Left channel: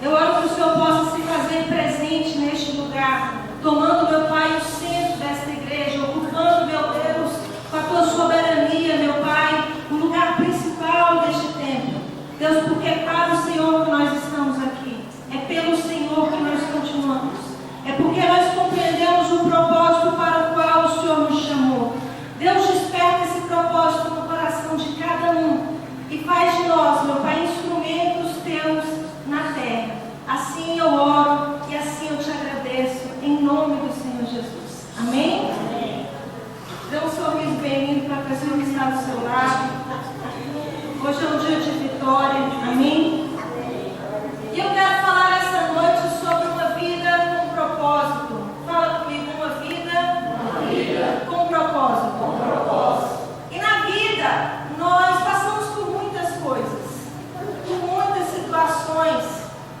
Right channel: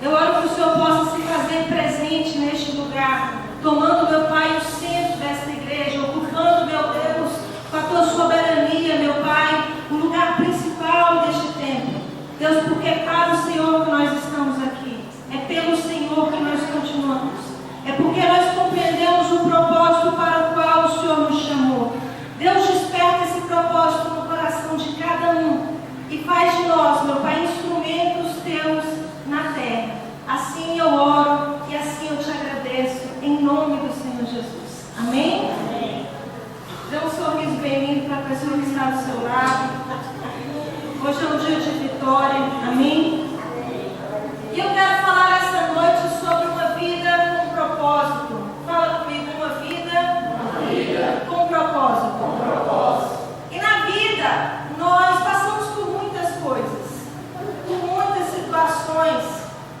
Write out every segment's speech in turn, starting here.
Eu oro que o Senhor possa se fazer presente neste lugar, tomando, meu Pai, o centro desta igreja, ocupando, meu Deus, com a tua soberania, meu Pai, o lugar principal deste templo. Deus, porque é para o Senhor que nós estamos aqui, é pelo Senhor que nós continuamos, é porque nós compreendemos o propósito para o qual o Senhor nos chamou. Deus, desperta esse propósito no coração de cada um e faz de nós, meu Pai, instrumentos teus na terra. Assim eu oro e assim eu te agradeço, em nome do Senhor Jesus. Amém? Amém. Dê um sorriso bem-vindo para a pessoa que está do seu lado. Hoje é um dia de vitória. Amém? E eu quero falar essa noite sobre uma vida com propósito. Fala comigo, uma vida com propósito. Com propósito. E na vida, nós passamos por muitas coisas, por muitas situações.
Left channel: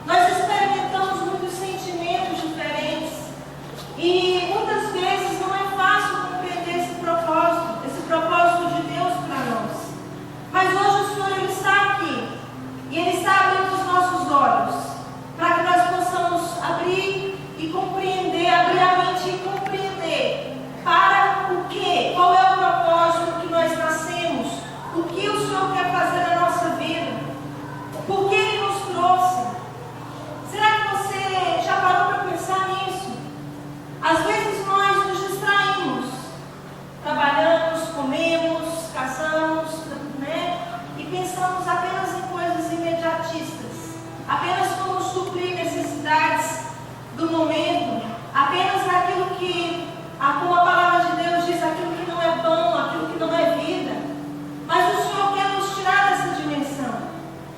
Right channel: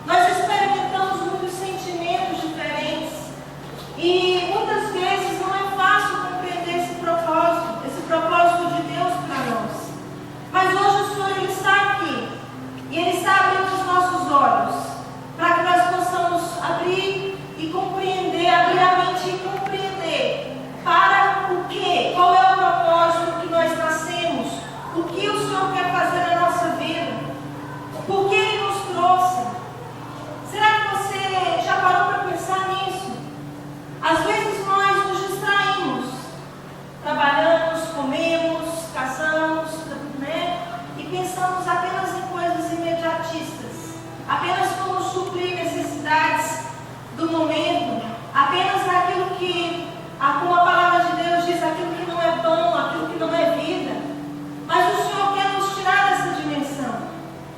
Nós experimentamos muitos sentimentos diferentes. E muitas vezes não é fácil compreender esse propósito de Deus para nós. Mas hoje o Senhor, Ele está aqui. E Ele está abrindo os nossos olhos, para que nós possamos abrir e compreender, abrir a mente e compreender para o quê? Qual é o propósito que nós nascemos? O que o Senhor quer fazer na nossa vida? Por que Ele nos trouxe? Será que você já parou para pensar nisso? Às vezes nós nos distraímos, trabalhamos, comemos, casamos, né? E pensamos apenas em coisas imediatistas, apenas como suprir necessidades do momento, apenas naquilo que, como a palavra de Deus diz, aquilo que não é pão, aquilo que não é vida. Mas o Senhor quer nos tirar dessa dimensão,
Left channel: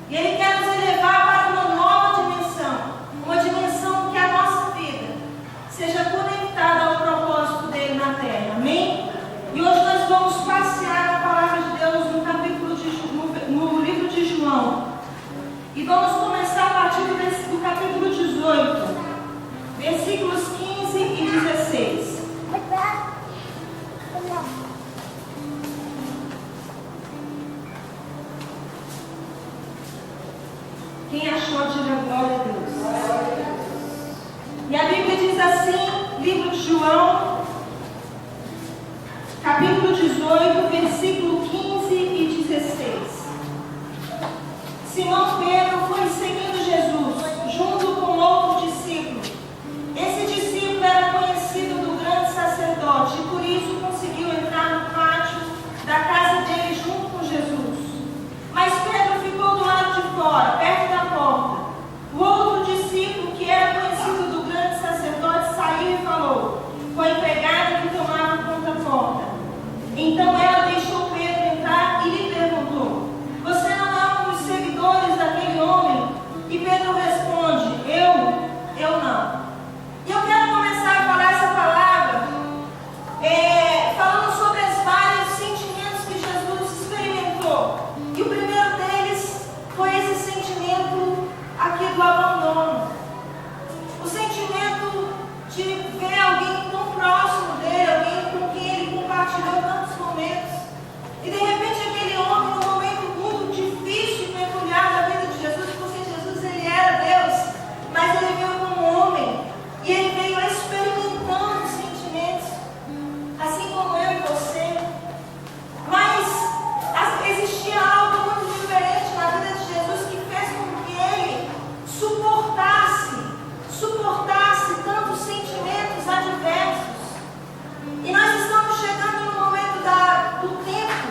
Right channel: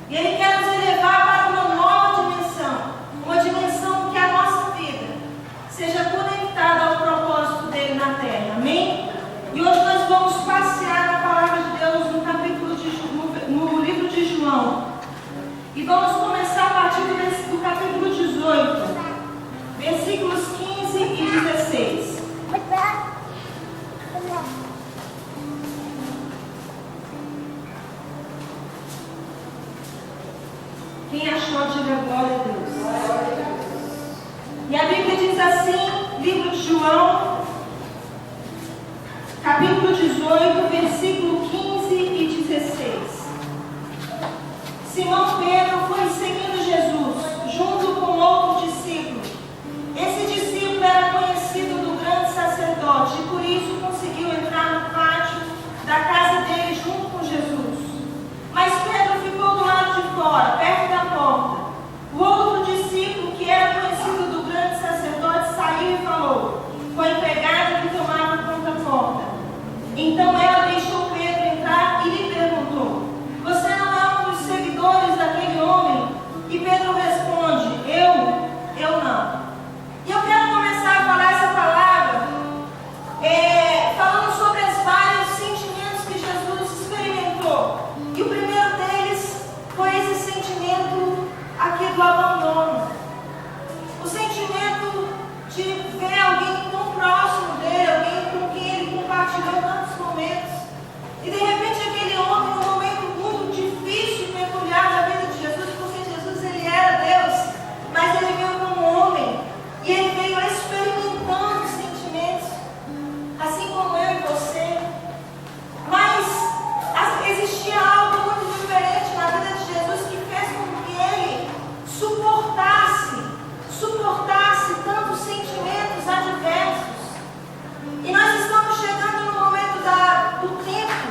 e Ele quer nos elevar para uma nova dimensão, uma dimensão que a nossa vida seja conectada ao propósito dele na terra. Amém? E hoje nós vamos passear na palavra de Deus no livro de João. E vamos começar a partir do capítulo 18, versículos 15 e 16. Quem achou, diga glória a Deus. E a Bíblia diz assim, livro de João, capítulo 18, versículo 15 e 16. Simão Pedro foi seguindo Jesus, junto com outro discípulo. Esse discípulo era conhecido do grande sacerdote e por isso conseguiu entrar no pátio da casa dele junto com Jesus. Mas Pedro ficou do lado de fora, perto da porta. O outro discípulo, que era conhecido do grande sacerdote, saiu e falou com a empregada que tomava conta da porta. Então ela deixou Pedro entrar e lhe perguntou: você não é um dos seguidores daquele homem? E Pedro responde: eu não. E eu quero começar a falar essa palavra falando sobre os vários sentimentos que Jesus experimentou. E o primeiro deles foi esse sentimento aqui do abandono. O sentimento de ver alguém tão próximo dele, alguém com quem ele compartilhou tantos momentos. E de repente aquele homem, num momento muito difícil e peculiar da vida de Jesus, porque Jesus ele era Deus, mas ele veio como homem. E ele veio experimentando sentimentos, assim como eu e você. Mas existia algo muito diferente na vida de Jesus que fez com que ele suportasse tantos sentimentos adversos. E nós estamos chegando no momento do tempo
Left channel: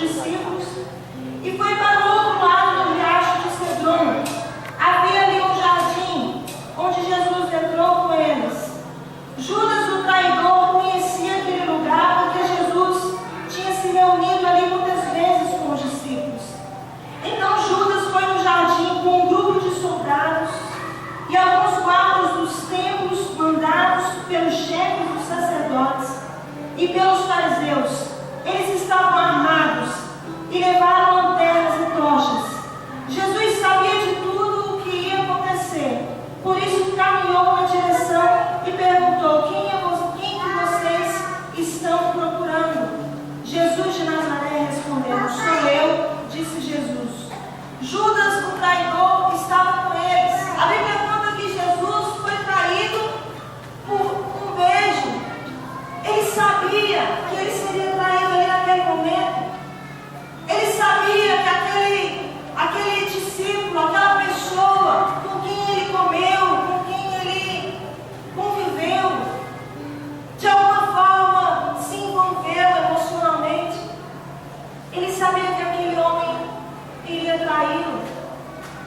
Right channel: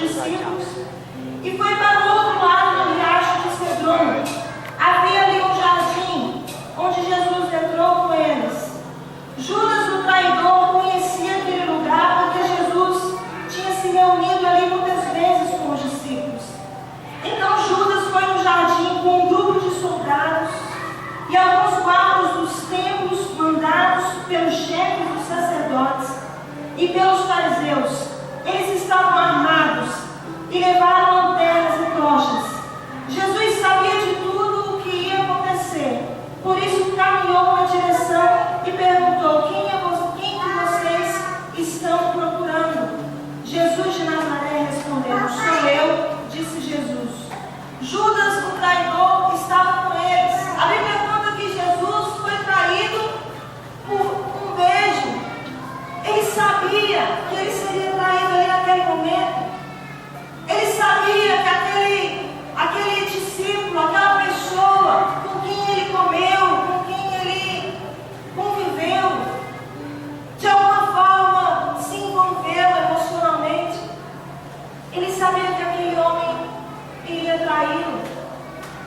discípulos e foi para o outro lado do riacho de Cedron. Havia ali um jardim onde Jesus entrou com eles. Judas, o traidor, conhecia aquele lugar porque Jesus tinha se reunido ali muitas vezes com os discípulos. Então Judas foi no jardim com um grupo de soldados e alguns guardas dos templos mandados pelos chefes dos sacerdotes e pelos fariseus. Eles estavam armados e levaram lanternas e tochas. Jesus sabia de tudo o que ia acontecer, por isso caminhou na direção e perguntou: quem que vocês estão procurando? Jesus de Nazaré respondeu: sou eu, disse Jesus. Judas, o traidor, estava com eles. A Bíblia conta que Jesus foi traído por um beijo. Ele sabia que ele seria traído ali naquele momento. Ele sabia que aquele discípulo, aquela pessoa com quem ele comeu, com quem ele conviveu, de alguma forma se envolveu emocionalmente. Ele sabia que aquele homem iria traí-lo,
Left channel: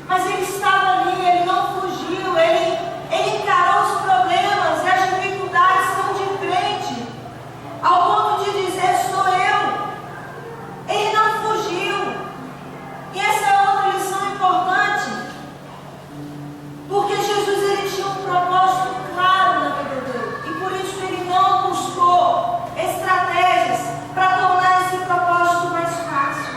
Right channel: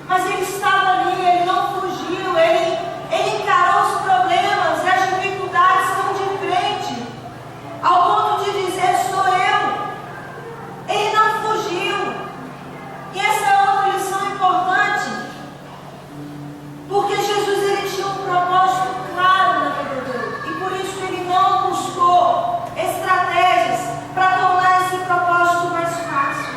mas ele estava ali, ele não fugiu, ele encarou os problemas e as dificuldades tão de frente, ao ponto de dizer: sou eu. Ele não fugiu. E essa é outra lição importante, porque Jesus ele tinha um propósito claro na vida dele, e por isso ele não buscou estratégias para tornar esse propósito mais fácil.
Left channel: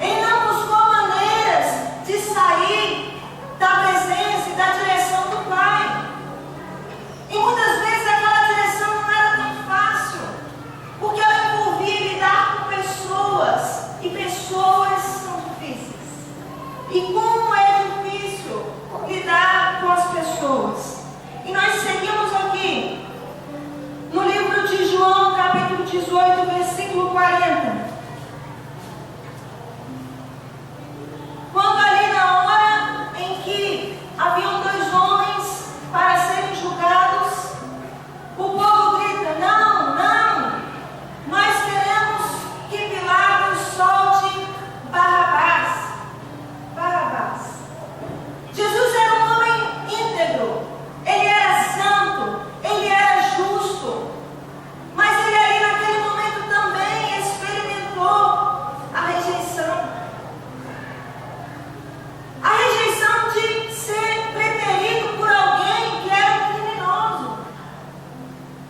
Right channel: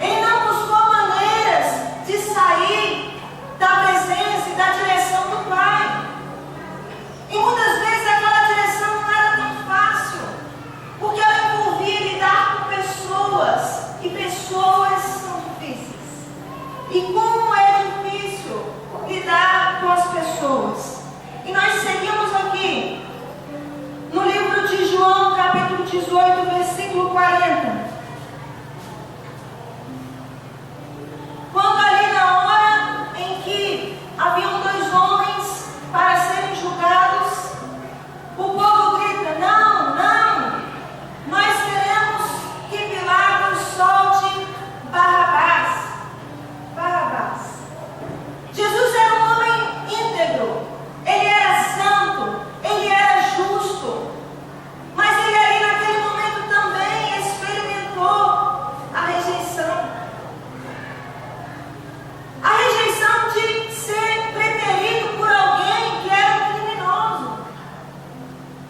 Ele não buscou maneiras de sair da presença e da direção do Pai. E muitas vezes aquela direção não era tão fácil, porque ela envolvia lidar com pessoas, e pessoas são difíceis. E como é difícil lidar com as pessoas. E nós seguimos aqui no livro de João, capítulo 18, versículo 40. Quando ali na hora em que haviam dois homens para serem julgados, o povo grita: não, não, nós queremos que Pilatos solte Barrabás. Barrabás. Jesus era um homem íntegro, ele era santo, ele era justo, mas ele ali naquele momento também experimentou a rejeição. A rejeição de ser preterido por alguém que era um criminoso.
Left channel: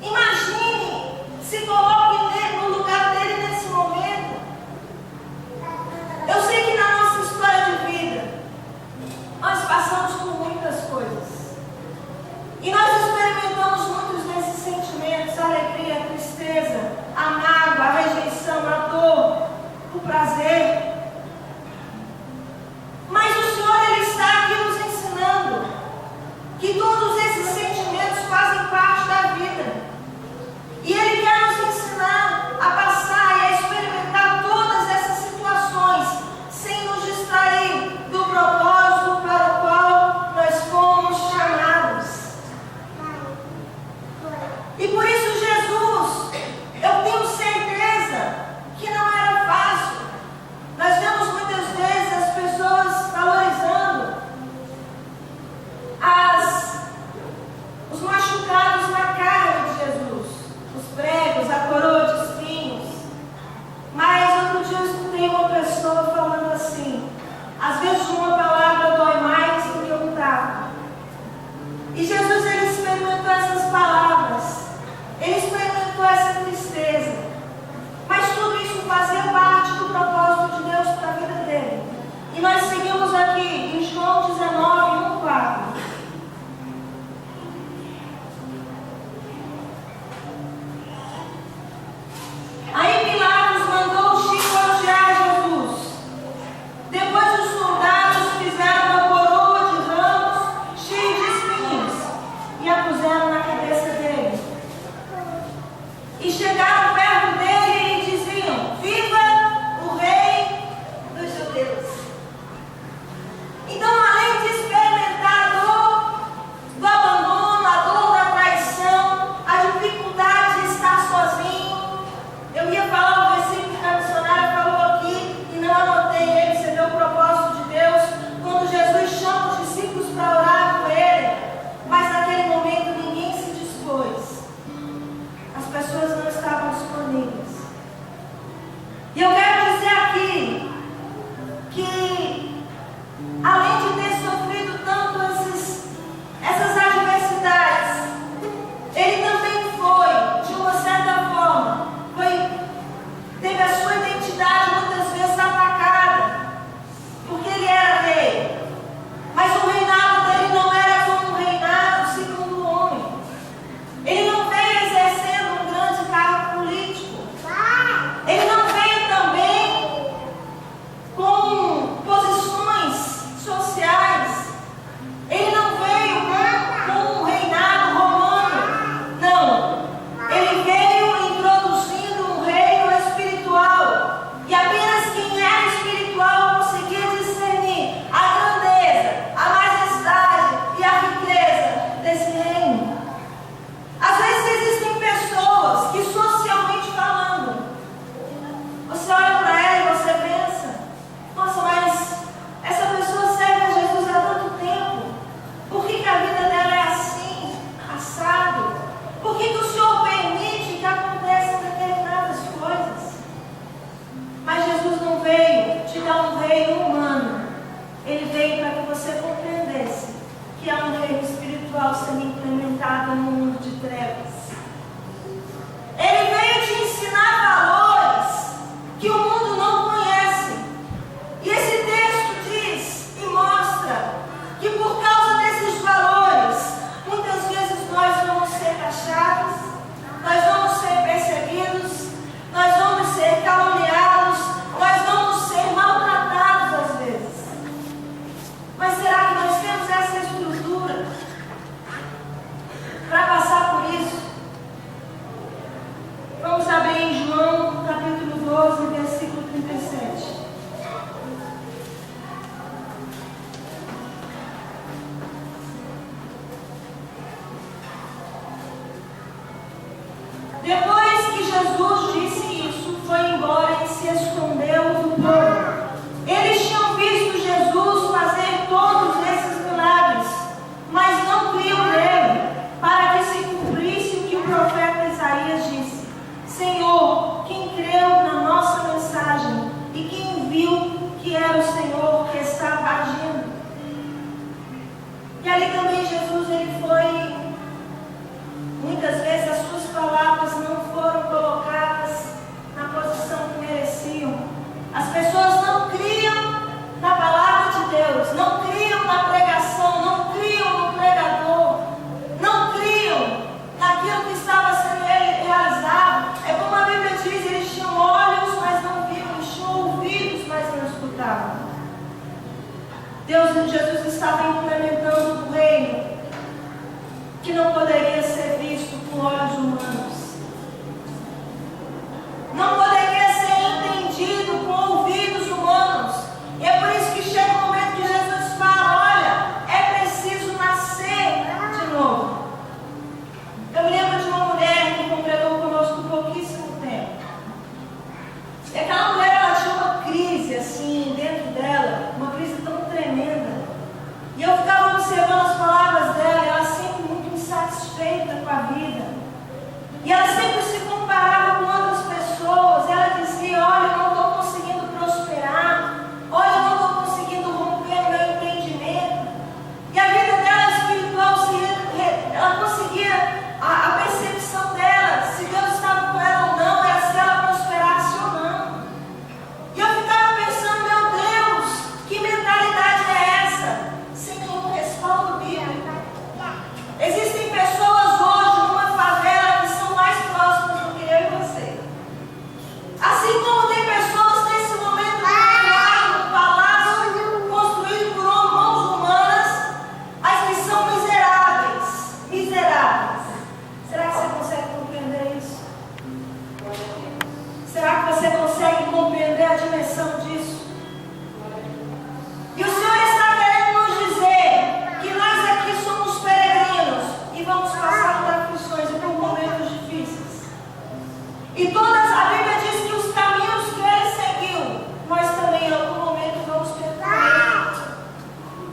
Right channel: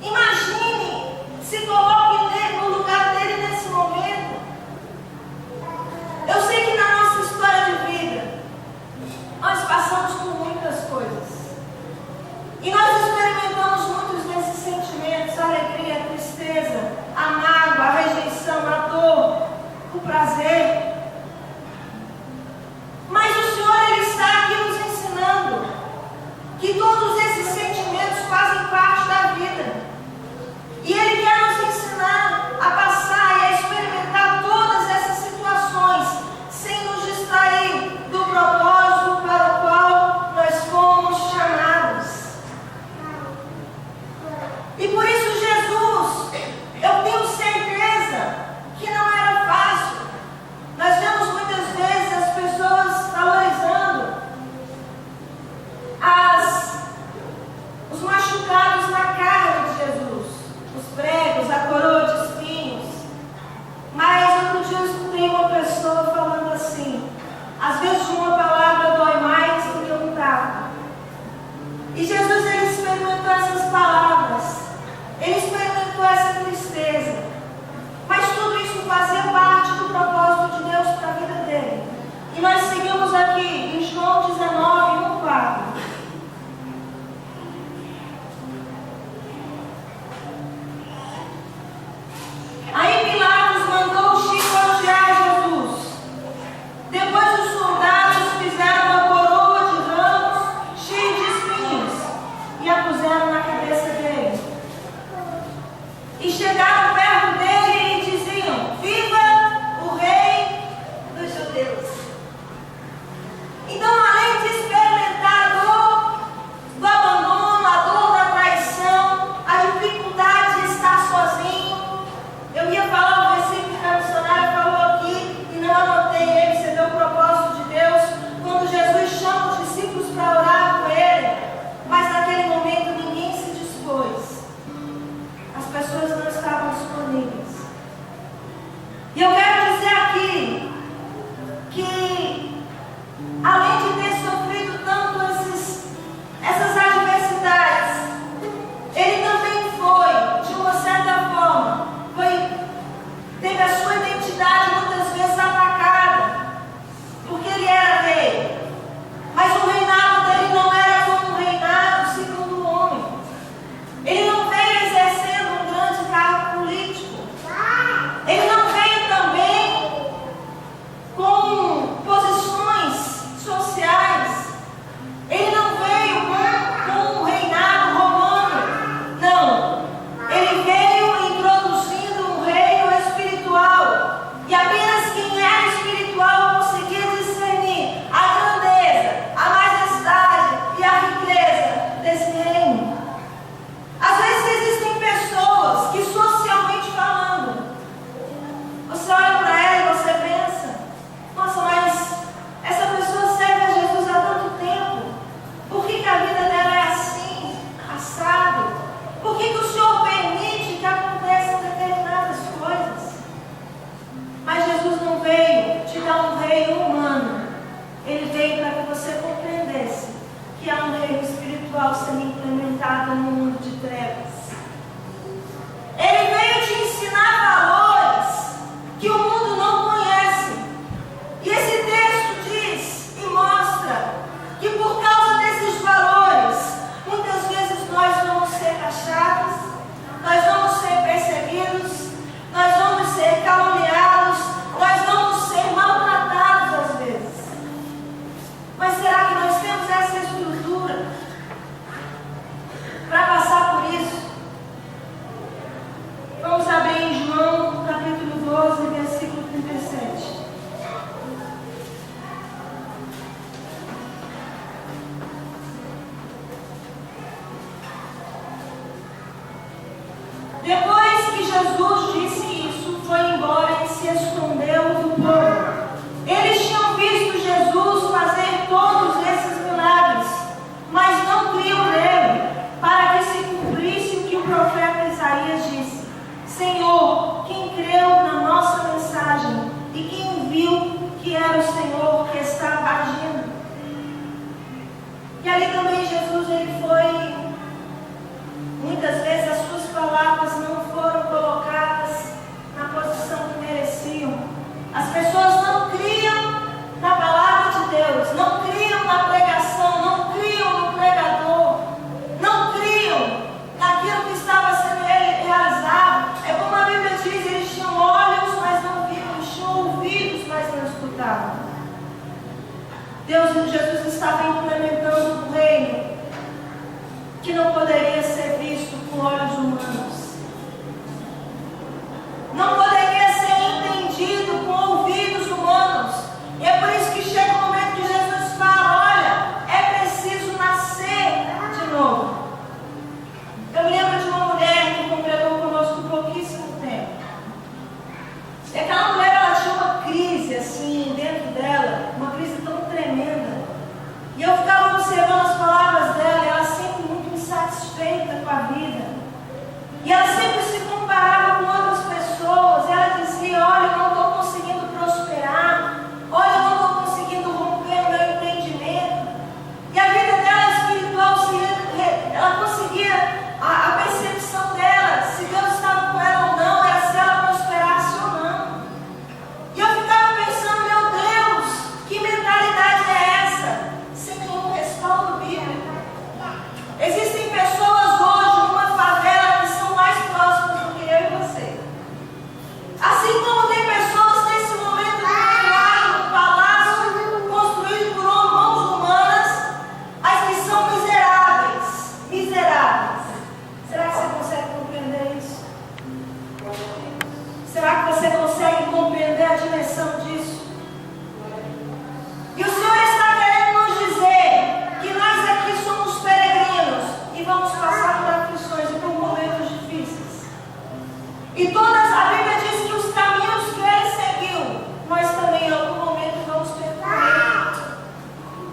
Imagine, se coloque no lugar dele nesse momento. Eu sei que na nossa história de vida, nós passamos por muitas coisas. E nós experimentamos muitos desses sentimentos: a alegria, a tristeza, a mágoa, a rejeição, a dor, o prazer. Mas o Senhor, Ele está aqui nos ensinando que todos esses sentimentos fazem parte da vida. E Ele quer nos ensinar a passar e a experimentar todas essas situações sem nos distrair do propósito para o qual nós fomos chamados. E por isso Jesus, eu tenho certeza que não era fácil. que há um reino espiritual sendo implementado no mundo de trevas. Ele veio te ensinar valores que o mundo não conhece. E esse texto diz e mostra que por causa desses valores, muitas vezes nós vamos ser taxados, nós vamos ser perseguidos, nós vamos ser caluniados, nós vamos ser maltratados às vezes. Mas será que nós temos essa estrutura para passar por isso? Vamos abrir em João capítulo 12, versículo 37. Depois que Jesus disse isso, foi embora e se escondeu do povo. Eles tinham visto Jesus fazer todos esses milagres, mas não criam nele, para que se cumprisse o que o profeta Isaías disse: Senhor, quem creu na nossa mensagem e quem viu que era o Senhor que estava agindo. E ali também Jesus, ele foi, muitas vezes as suas palavras não foram colocadas na posição que mereciam. As pessoas não criam na palavra de Deus, não criam na pregação, não criam no pregador, não criam naquilo que estava sendo realizado. É como a Bíblia diz, eles tinham olhos, mas não viram, eles tinham ouvidos, mas não escutavam. Jesus estava implementando um reino que não poderia ser visto com olhos humanos, não poderia ser entendido com ouvidos humanos. E é por isso que chega o momento que Jesus fala: olha, é preciso nascer de novo. Eu me lembro de uma mulher que congregou conosco por pouquíssimo tempo. E aquela mulher, ela tinha uma crise assim dentro dela, uma crise tão tremenda. E eu ficava observando as palavras dela, e ela sempre muito insatisfeita com a vida. E ela sempre se comparava com outras pessoas. E ela dizia: olha, eu não estou conseguindo prosperar. Olha, eu não estou conseguindo romper o meu empreendimento. E a vida dela espiritual, ela conseguia, a percepção dela, se Deus estava com ela ou não, era se ela prosperasse ou não. E eu ficava pensando: meu Deus, que mentalidade é essa? Sem nenhum respaldo bíblico. Existem pessoas hoje numa favela que são mais próximas do que eu e você. Assim como tem pessoas nesse momento no palácio construído por mãos humanas, mas que são miseráveis. Miseráveis. Será que você consegue compreender isso? Será que você consegue compreender a dimensão disso? E o Senhor está querendo nos dizer que nós aqui somos peregrinos e vamos passar por aflições e por momentos difíceis. E a Bíblia diz que os caminhos que Ele seguiu, nós também em algum momento vamos percorrer.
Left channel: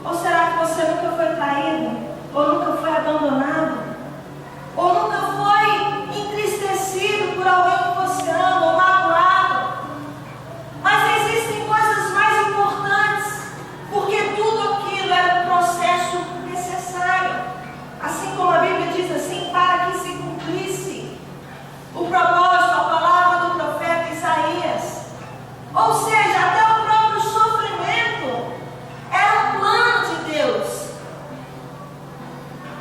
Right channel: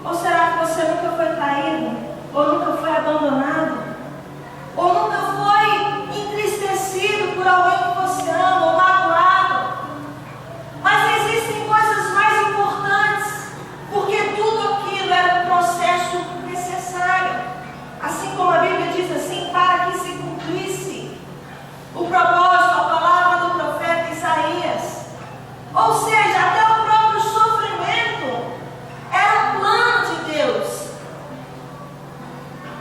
Ou será que você nunca foi traído? Ou nunca foi abandonado? Ou nunca foi entristecido por alguém que você ama, ou magoado? Mas existem coisas mais importantes, porque tudo aquilo era um processo necessário. Assim como a Bíblia diz assim, para que se cumprisse o propósito, a palavra do profeta Isaías. Ou seja, até o próprio sofrimento era um plano de Deus.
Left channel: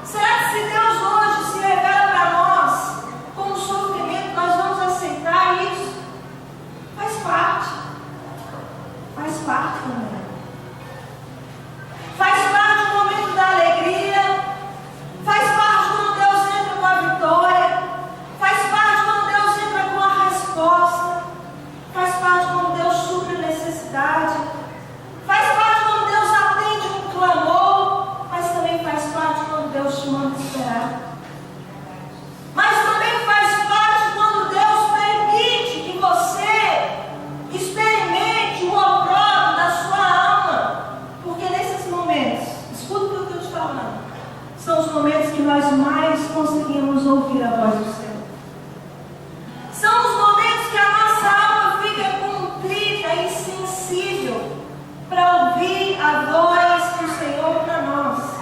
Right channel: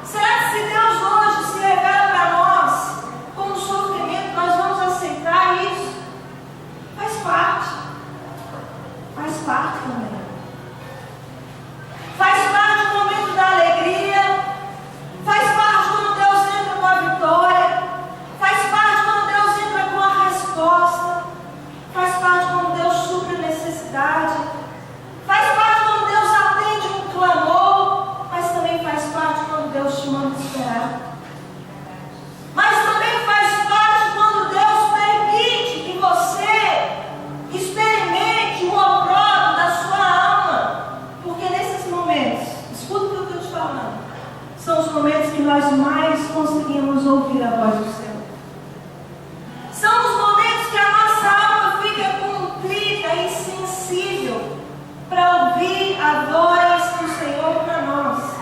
Será que se Deus hoje se revela para nós com o sofrimento, nós vamos aceitar isso? Faz parte. Faz parte também. Faz parte do momento da alegria. Faz parte quando Deus entra com a vitória. Faz parte quando Deus entra com a resposta. Faz parte quando Deus supre a necessidade. Faz parte quando Deus atende um clamor. Mas também faz parte quando Deus te manda esperar. Mas também faz parte quando Deus permite que você experimente o opróbrio da sua alma. Porque nesses momentos, escuta o que eu estou te falando, são os momentos que nós mais conseguimos ouvir a voz do Senhor. São os momentos que a nossa alma fica contrita e sensível para ouvir a voz do Senhor para nós.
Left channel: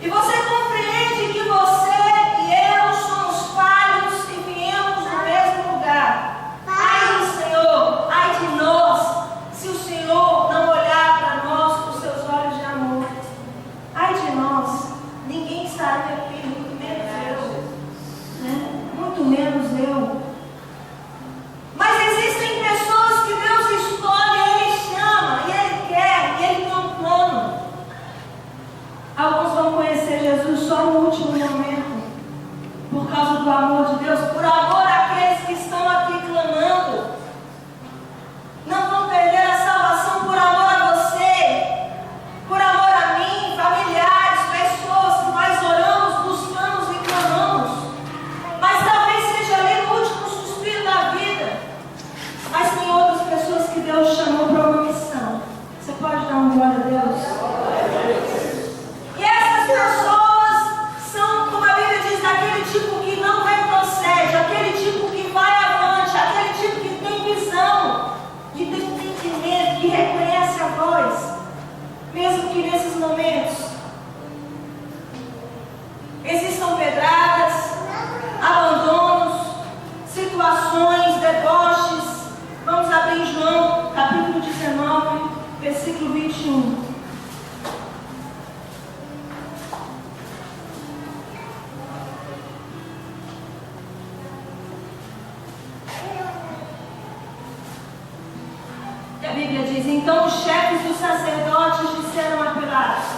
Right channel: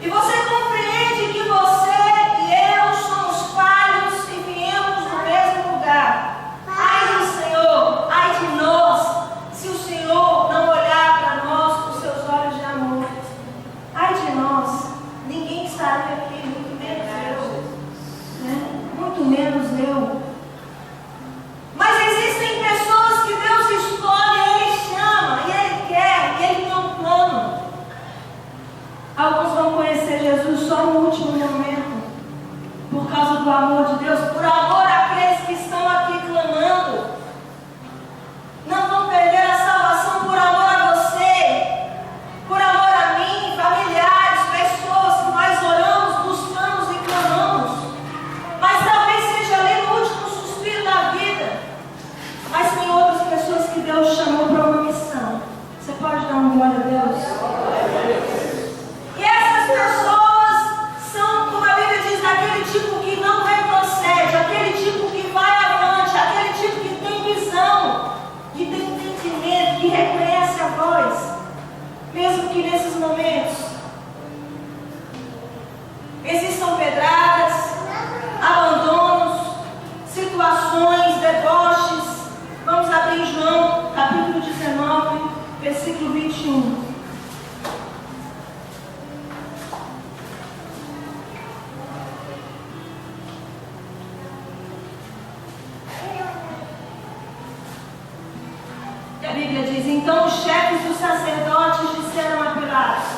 E você compreende que você e eu somos falhos e viemos do mesmo lugar. Ai do Senhor, ai de nós, se o Senhor não olhar para nós com seus olhos de amor. Ai de nós, ninguém estaria aqui, muito menos eu. Né? Muito menos eu. Mas existem pessoas que Deus escolhe, Ele chama, e Ele quer, e Ele tem um plano. Alguns vão conhecer Jesus só no último momento, por causa do amor de Deus, por amor àqueles que estão aqui clamando. Não vão perder a salvação por amor a você, por amor a mim, familiares, pessoas que nós oramos, buscamos e clamamos. Mas talvez seja ali no último suspiro da vida. Mas tem outras pessoas que Deus chamou para uma missão. Você pode dar um glória a Deus? E essas pessoas são, como a Bíblia diz, aquele tipo que não retrocede, aquele tipo que vai avante, aquele tipo que tem visão, que tem entendimento, que reconhece a voz, mesmo que nesses momentos existam pedradas, abandonos, situações, deboches. Vamos abrir em João, capítulo 19, versículo 21. E a Bíblia diz: então os chefes dos sacerdotes disseram a Pilatos:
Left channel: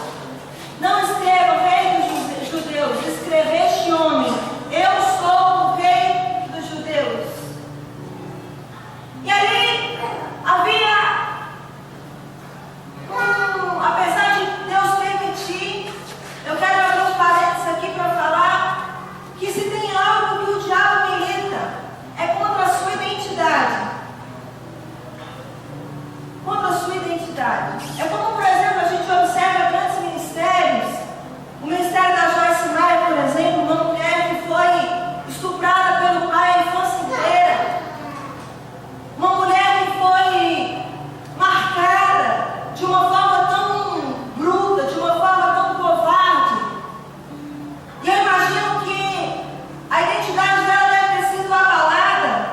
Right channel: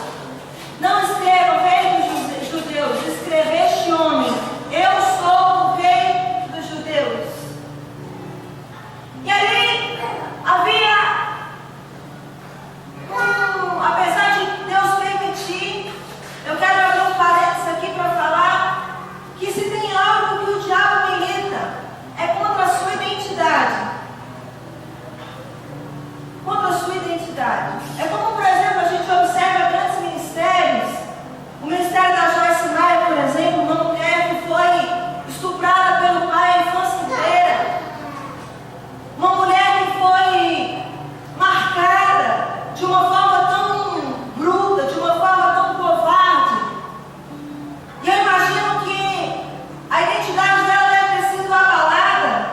não escreva, rei dos judeus, escreva este homem: eu sou o rei dos judeus. E ali havia, apesar de Deus permitir, eu quero abrir um parênteses aqui para falar que se tem algo que o diabo milita, é contra a sua identidade. Contra a sua identidade. É como, por exemplo, a gente observa grandes ministérios. O ministério da Joyce Meyer, por exemplo, uma mulher que foi estuprada pelo pai a infância inteira. Uma mulher que foi marcada de uma forma tão bruta, de uma forma tão covarde. E eu imagino que a identidade dela deve ter sido abalada.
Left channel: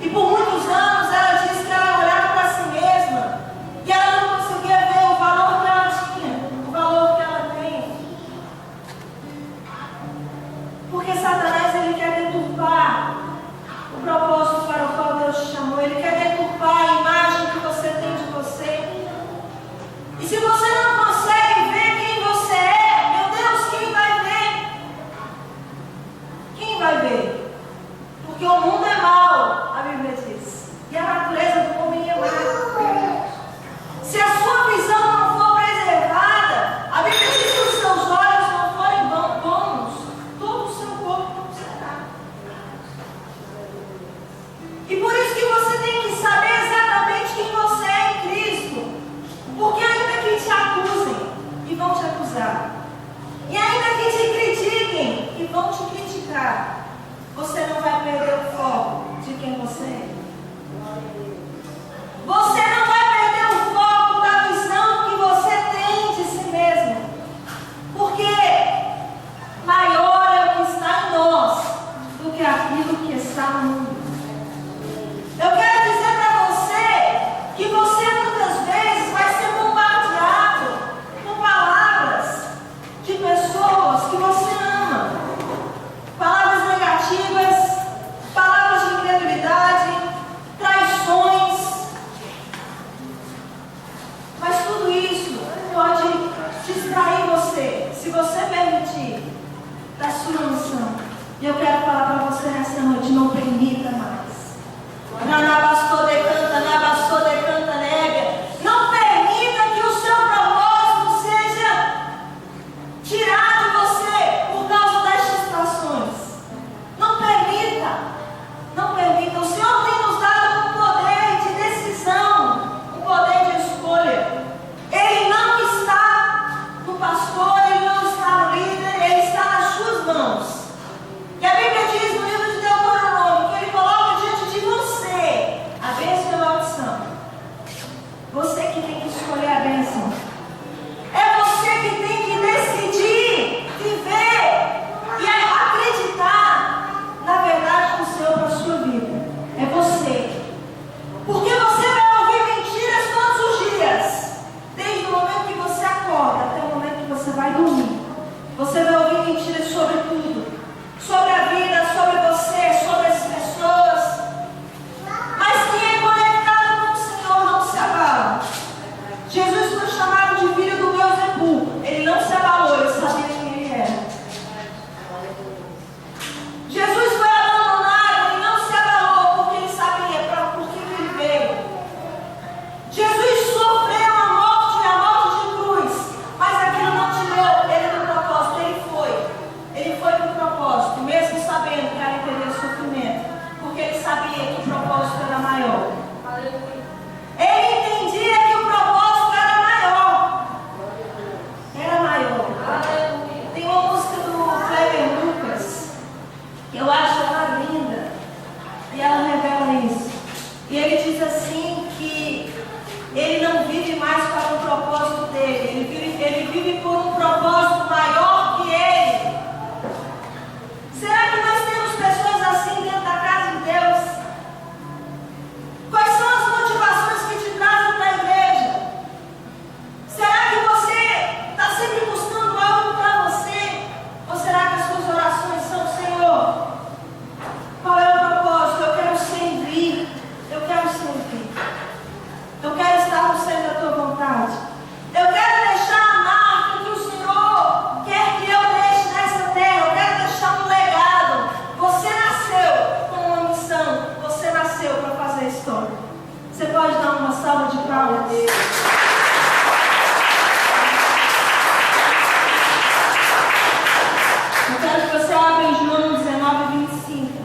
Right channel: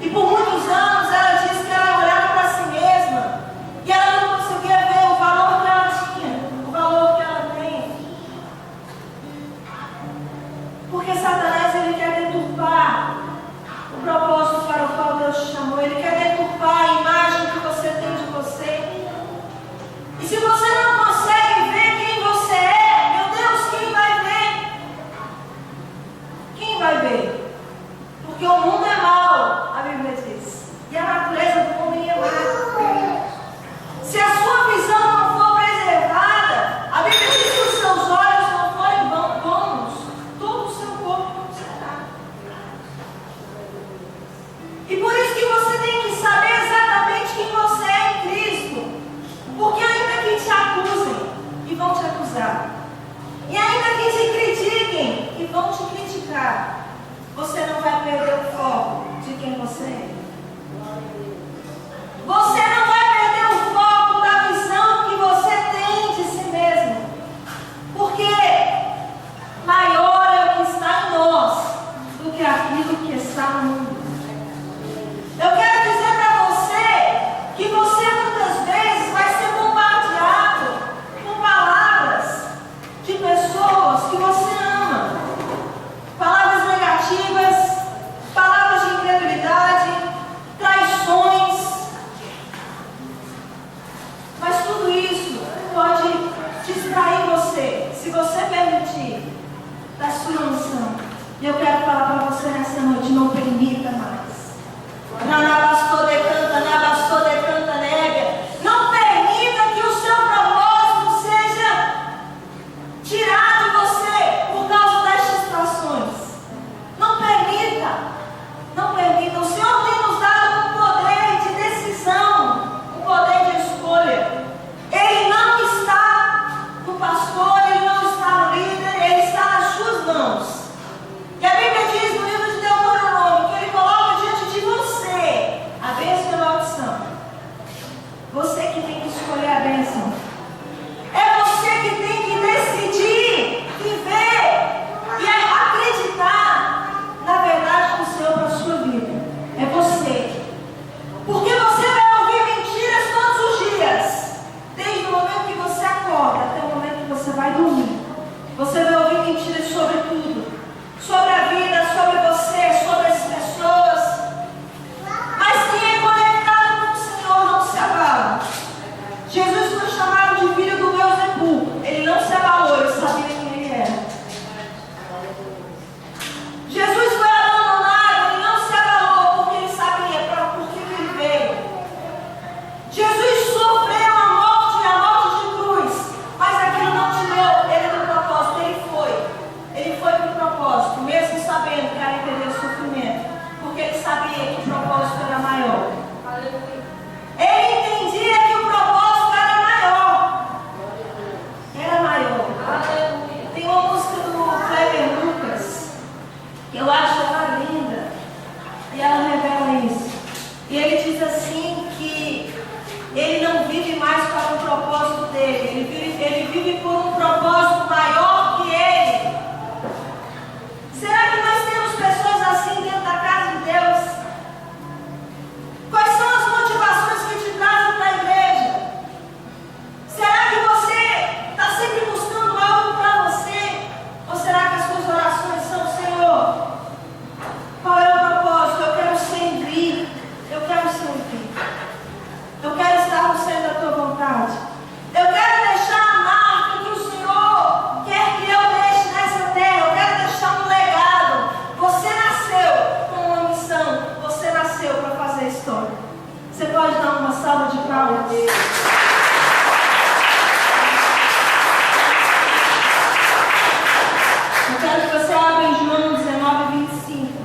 E por muitos anos ela disse que ela olhava para si mesma e ela não conseguia ver o valor que ela tinha, o valor que ela tem. Porque Satanás, ele quer deturpar o propósito para o qual Deus te chamou. Ele quer deturpar a imagem que você tem de você. E se você não consegue ver quem você é, meu Deus, quem vai ver? Quem vai ver? Porque o mundo é mau, a Bíblia diz. E a natureza do mundo é má. Se a sua visão não for preservada, a Bíblia diz que os seus olhos não forem bons, todo o seu corpo não será. E por isso que você tem que saber exatamente quem você é em Cristo. Porque ainda que te acusem e vão te acusar, e ainda que te critiquem e vão te criticar, você não vai perder o foco de quem você é. Você não vai perder o foco da visão que você tem de si mesmo. Porque maior é o que está em nós do que aquilo que está no mundo. Eu quero dizer para você que você muitas vezes vai ser bombardeado com palavras de pessoas que você ama. Palavras negativas, palavras de incredulidade, traições. Mas tudo isso pode distrair você, se você permitir, da sua missão. E eu quero falar para você nessa noite: não permita mais. Nanabastou decanta, nabastou decanta, nega. Não permita que o seu propósito seja tirado de você por causa das distrações. Não permita. Não permita. O Senhor tem nos dado um poder de decisão, um poder de escolha. Ele não está no pastor, ele não está no líder, ele está nas suas mãos. E a Bíblia diz no livro de Deuteronômio E ela revela isso. E ele diz assim que ele não vive mais para o propósito dele. Ele vive por um propósito maior que ele. Será que nós temos pessoas assim dentro da casa de Deus? Quais são as motivações que te trazem para a igreja? Será que você está sempre buscando algo para você? Ou será que as suas orações são: Senhor, qual é o propósito? Eu quero servir. Eu quero servir. Eu quero estar no centro da tua vontade. Eu quero deixar a marca que o Senhor quer que eu deixe nessa terra. Eu quero deixar um legado. Você nasceu com uma missão. Você nasceu para fazer história. Você pode dar uma salva de palmas? Eu quero que você abra em João 19:25.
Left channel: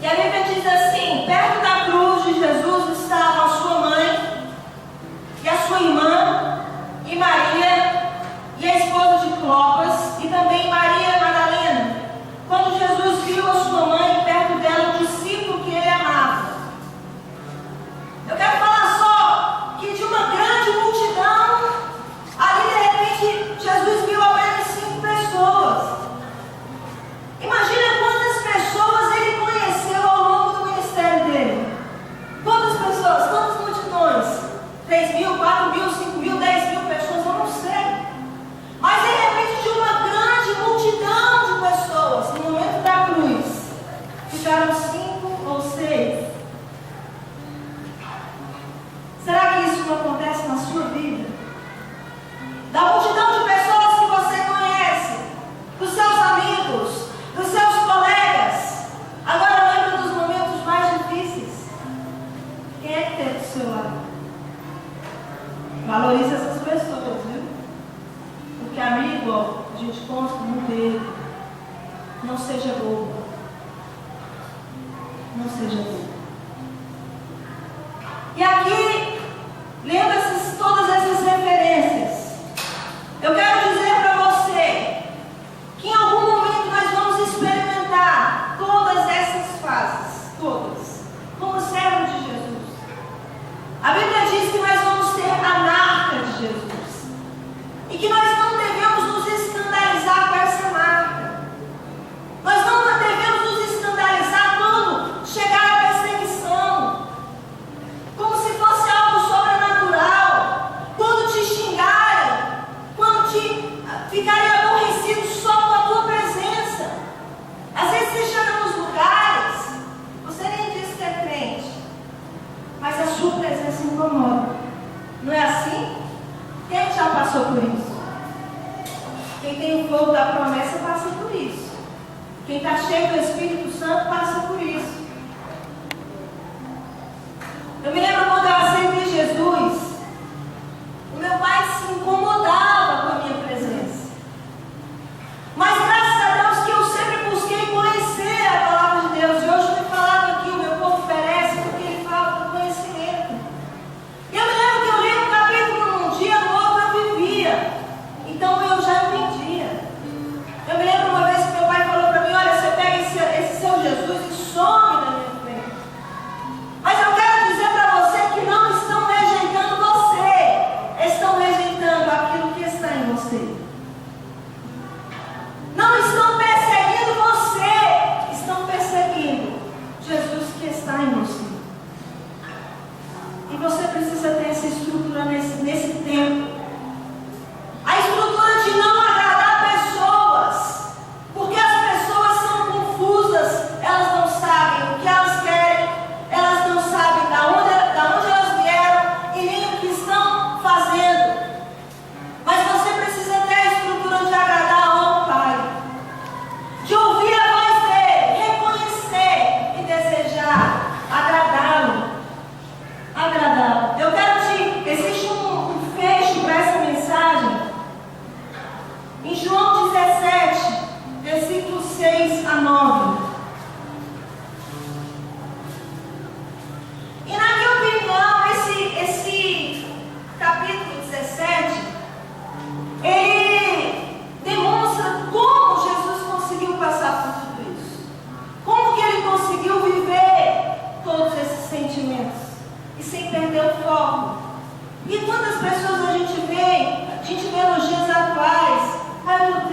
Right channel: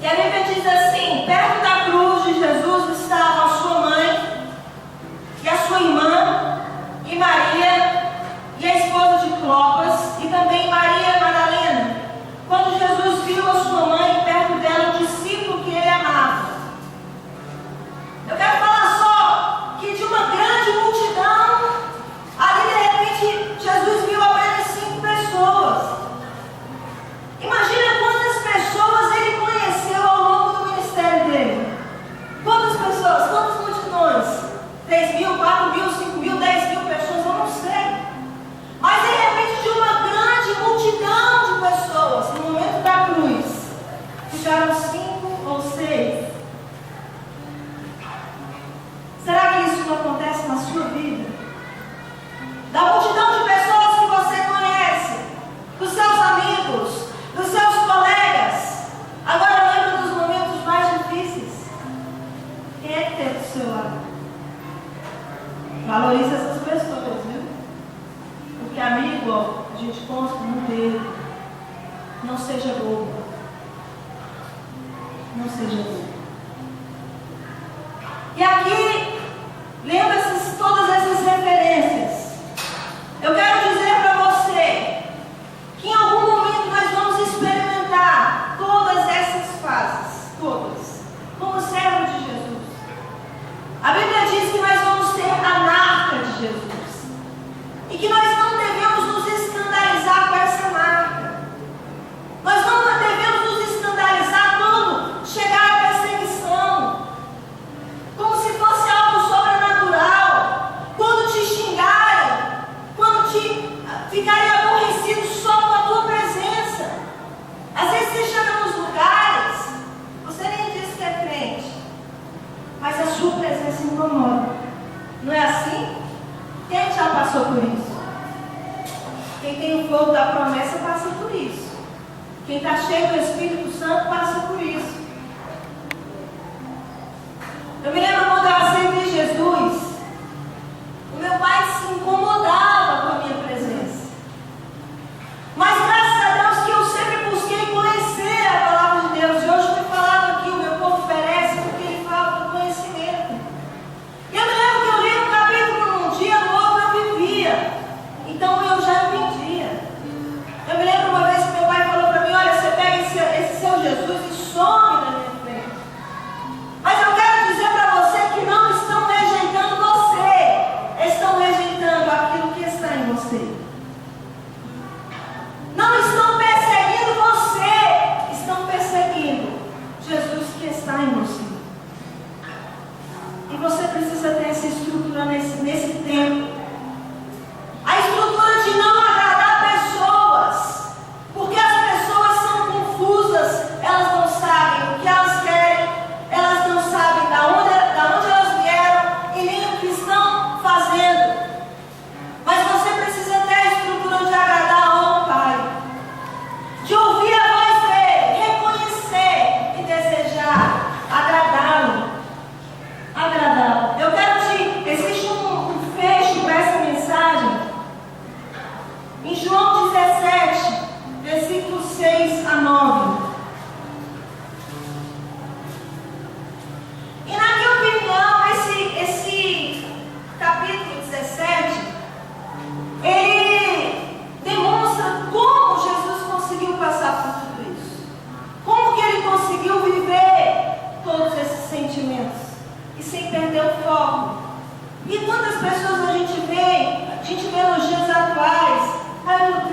E a Bíblia diz assim: perto da cruz de Jesus estavam a sua mãe e a sua irmã e Maria e a esposa de Clopas e também Maria Madalena. Quando Jesus viu a sua mãe e perto dela o discípulo que ele amava. Eu quero falar só que de uma grande multidão, ali de repente Jesus viu apenas 5 pessoas. Imagina quantas pessoas ele conheceu ao longo do ministério dele. Quantas pessoas? Quantas multidões? 3.000, 4.000, 5.000, 10.000 pessoas? Eu não sei. Mas de repente de uma grande multidão de pessoas, no momento da cruz, ficaram 5 ou 6. Será que isso não acontece na sua vida? Da multidão de pessoas que você conhece, dos seus amigos, dos seus colegas. Agora lembra dos momentos mais difíceis. Quem é que tem do seu lado? Valorize essas pessoas, viu? Porque amigo, ó, a gente conta no dedo. Não seja bobo. Não seja bobo. E aqui, lembra todas essas referências. Eu quero dizer para você que em algum momento nós vamos experimentar todas essas fases, todas, como servo de Jesus. A Bíblia diz que nós vamos ter a marca de Jesus e que nós não devemos nos escandalizar com essa marca. Nós não devemos nos escandalizar quando chegar a perseguição, como se fosse algo sobrenatural, quando te xingarem, quando te ficarem aborrecidos só com a tua presença. Às vezes você chega nos lugares, você nem diz que é crente, mas a sua presença incomoda. Não é assim? Quem já passou por isso? Quem tem o fogo da promessa passa por isso. Quem está cheio do Espírito Santo passa por isso. Eu me lembro quando eu aceitei Jesus, o meu pai se incomodava com a minha presença. Mas graças a Deus que eu sempre busquei conhecer a palavra de Deus. E hoje foi falado aqui, o meu povo perece porque ele fala do conhecimento. E eu me lembro que eu li um capítulo num dia, no outro eu vivia. Então eu já entendia. Eu me lembro uma vez que meu pai falou para mim: olha, você pega esse seu Jesus e some da minha frente. Mas eu quero dizer para você que não estão rejeitando você, estão rejeitando aquilo que está em você. Não estão perseguindo você, estão perseguindo Jesus que está em você. E você precisa ter essa estrutura nesse tempo. A estrutura de não agradar pessoas, porque as pessoas são confusas, elas não sabem o que elas querem, elas não sabem da onde elas vieram e nem o que estão fazendo. Mas você precisa ter a estrutura de agradar ao Pai, de ouvir a voz dele, reconhecer e desejar agradá-lo. Eu quero existe um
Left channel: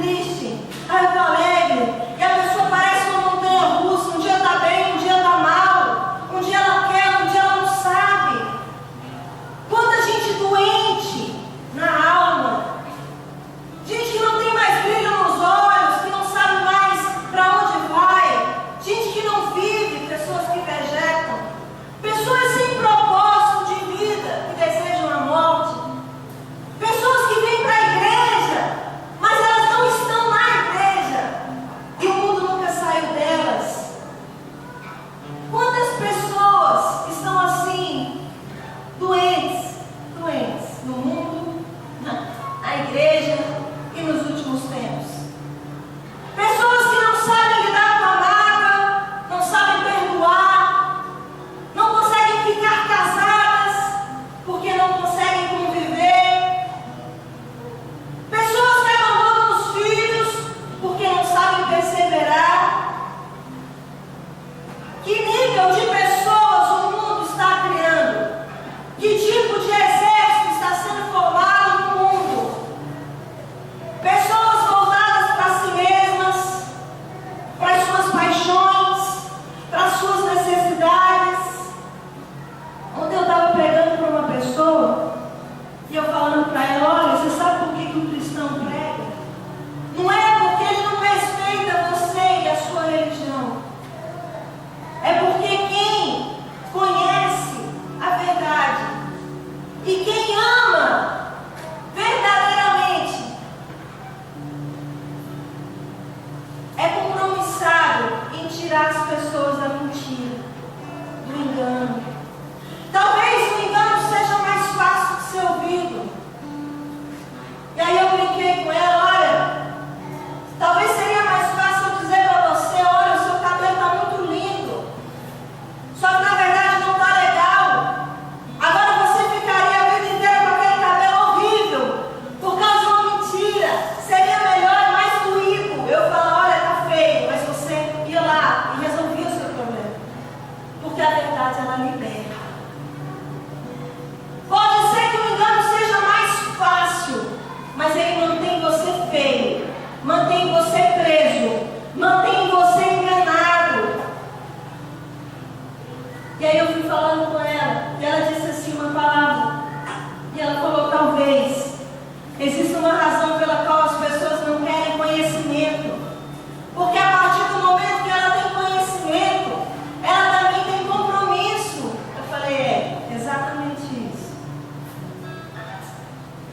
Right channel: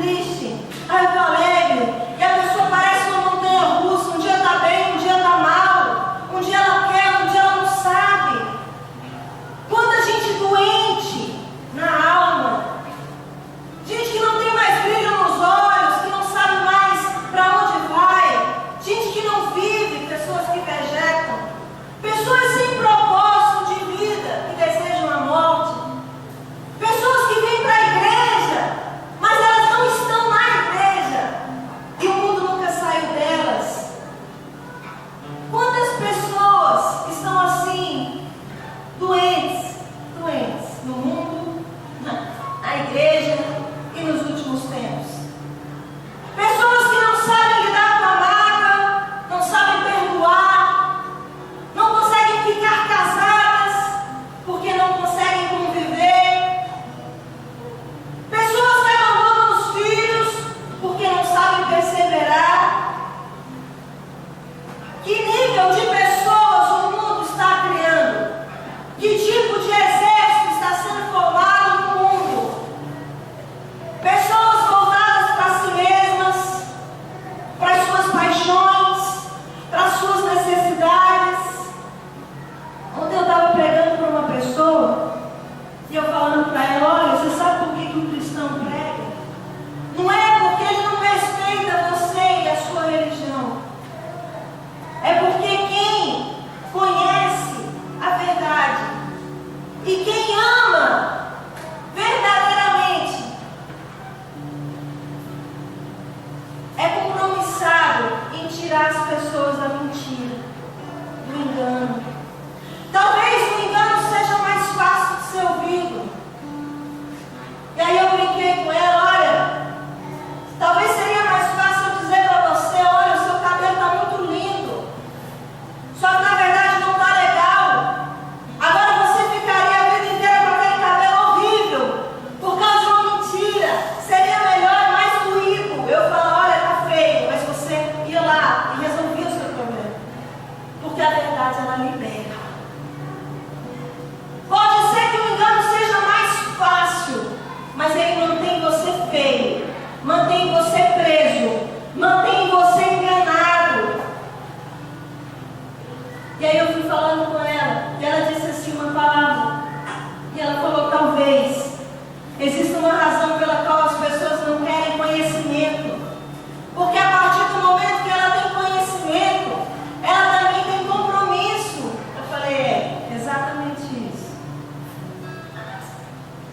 triste, ah, eu estou alegre. E a pessoa parece uma montanha russa, um dia está bem, um dia está mal, um dia ela quer, um dia ela não sabe. Quanta gente doente na alma, gente que não tem mais brilho nos olhos, que não sabe mais para onde vai, gente que não vive, pessoas que vegetam, pessoas sem propósito de vida, que desejam a morte, pessoas que vêm para a igreja, mas elas não estão na igreja, e o mundo nunca saiu delas. Quantas pessoas estão assim, doentes no mundo, na igreja e nos últimos tempos? Pessoas que não sabem lidar com a mágoa, não sabem perdoar, não conseguem ficar casadas porque não conseguem conviver. Pessoas que abandonam os filhos porque não sabem perseverar. Que nível de pessoas o mundo está criando? Que tipo de exército está sendo formado no mundo? Pessoas voltadas para si mesmas, para as suas paixões, para as suas necessidades. Ontem eu estava pregando para uma pessoa e eu falando para ela: olha, você sabe por que o cristão prega? Não é porque ele não respeita você e a sua religião. É porque quem conhece a verdade e quem ama verdadeiramente é compromissado em tirar as pessoas da mentira, do engano. Talvez o engano seja mais fácil de ser ouvido. E aí eu brinquei com ela: olha, talvez seria mais fácil eu dizer para você: olha, o seu cabelo está muito lindo, só que na verdade não está legal. Agora você ficaria a vida inteira com aquele cabelo horrível por causa de uma mentira. Seria melhor e mais doído eu falar: olha, está feio, mas você ia lá e resolvia o seu problema, porque a verdade ela libera. Pode ser que o engano seja mais fácil, mas ele mantém você feio, mantém você preso, mantém você enganado. E aí eu fui falando com ela, e ela disse assim uma palavra, e ela falou: talvez exista uma razão pela qual as pessoas não querem conhecimento, porque a partir do momento que ela tem conhecimento, ela também tem compromisso. Eu falei: é, exatamente isso.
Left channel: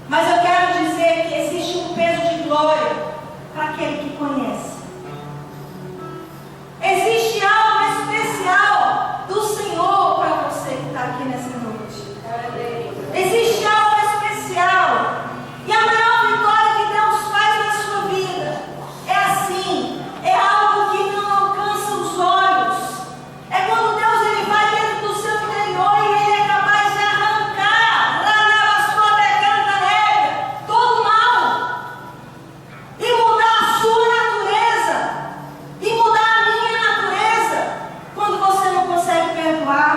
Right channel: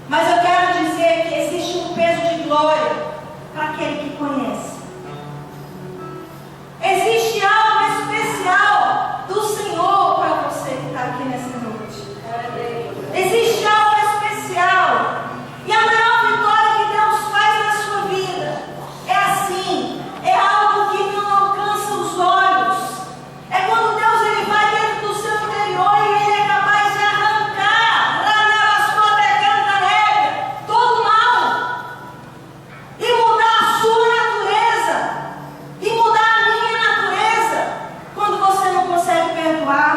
Mas eu quero dizer que existe um peso de glória para aquele que conhece. Existe algo especial do Senhor para você que está aqui nessa noite. Existe algo especial. E a maior vitória que Deus faz na sua vida é assim, é algo que não alcança os olhos. É quando Deus ele vai dentro do seu interior e ele é capaz de arrancar todo o mal e mudar a sua natureza e mudar a minha natureza. Quando você não consegue perdoar,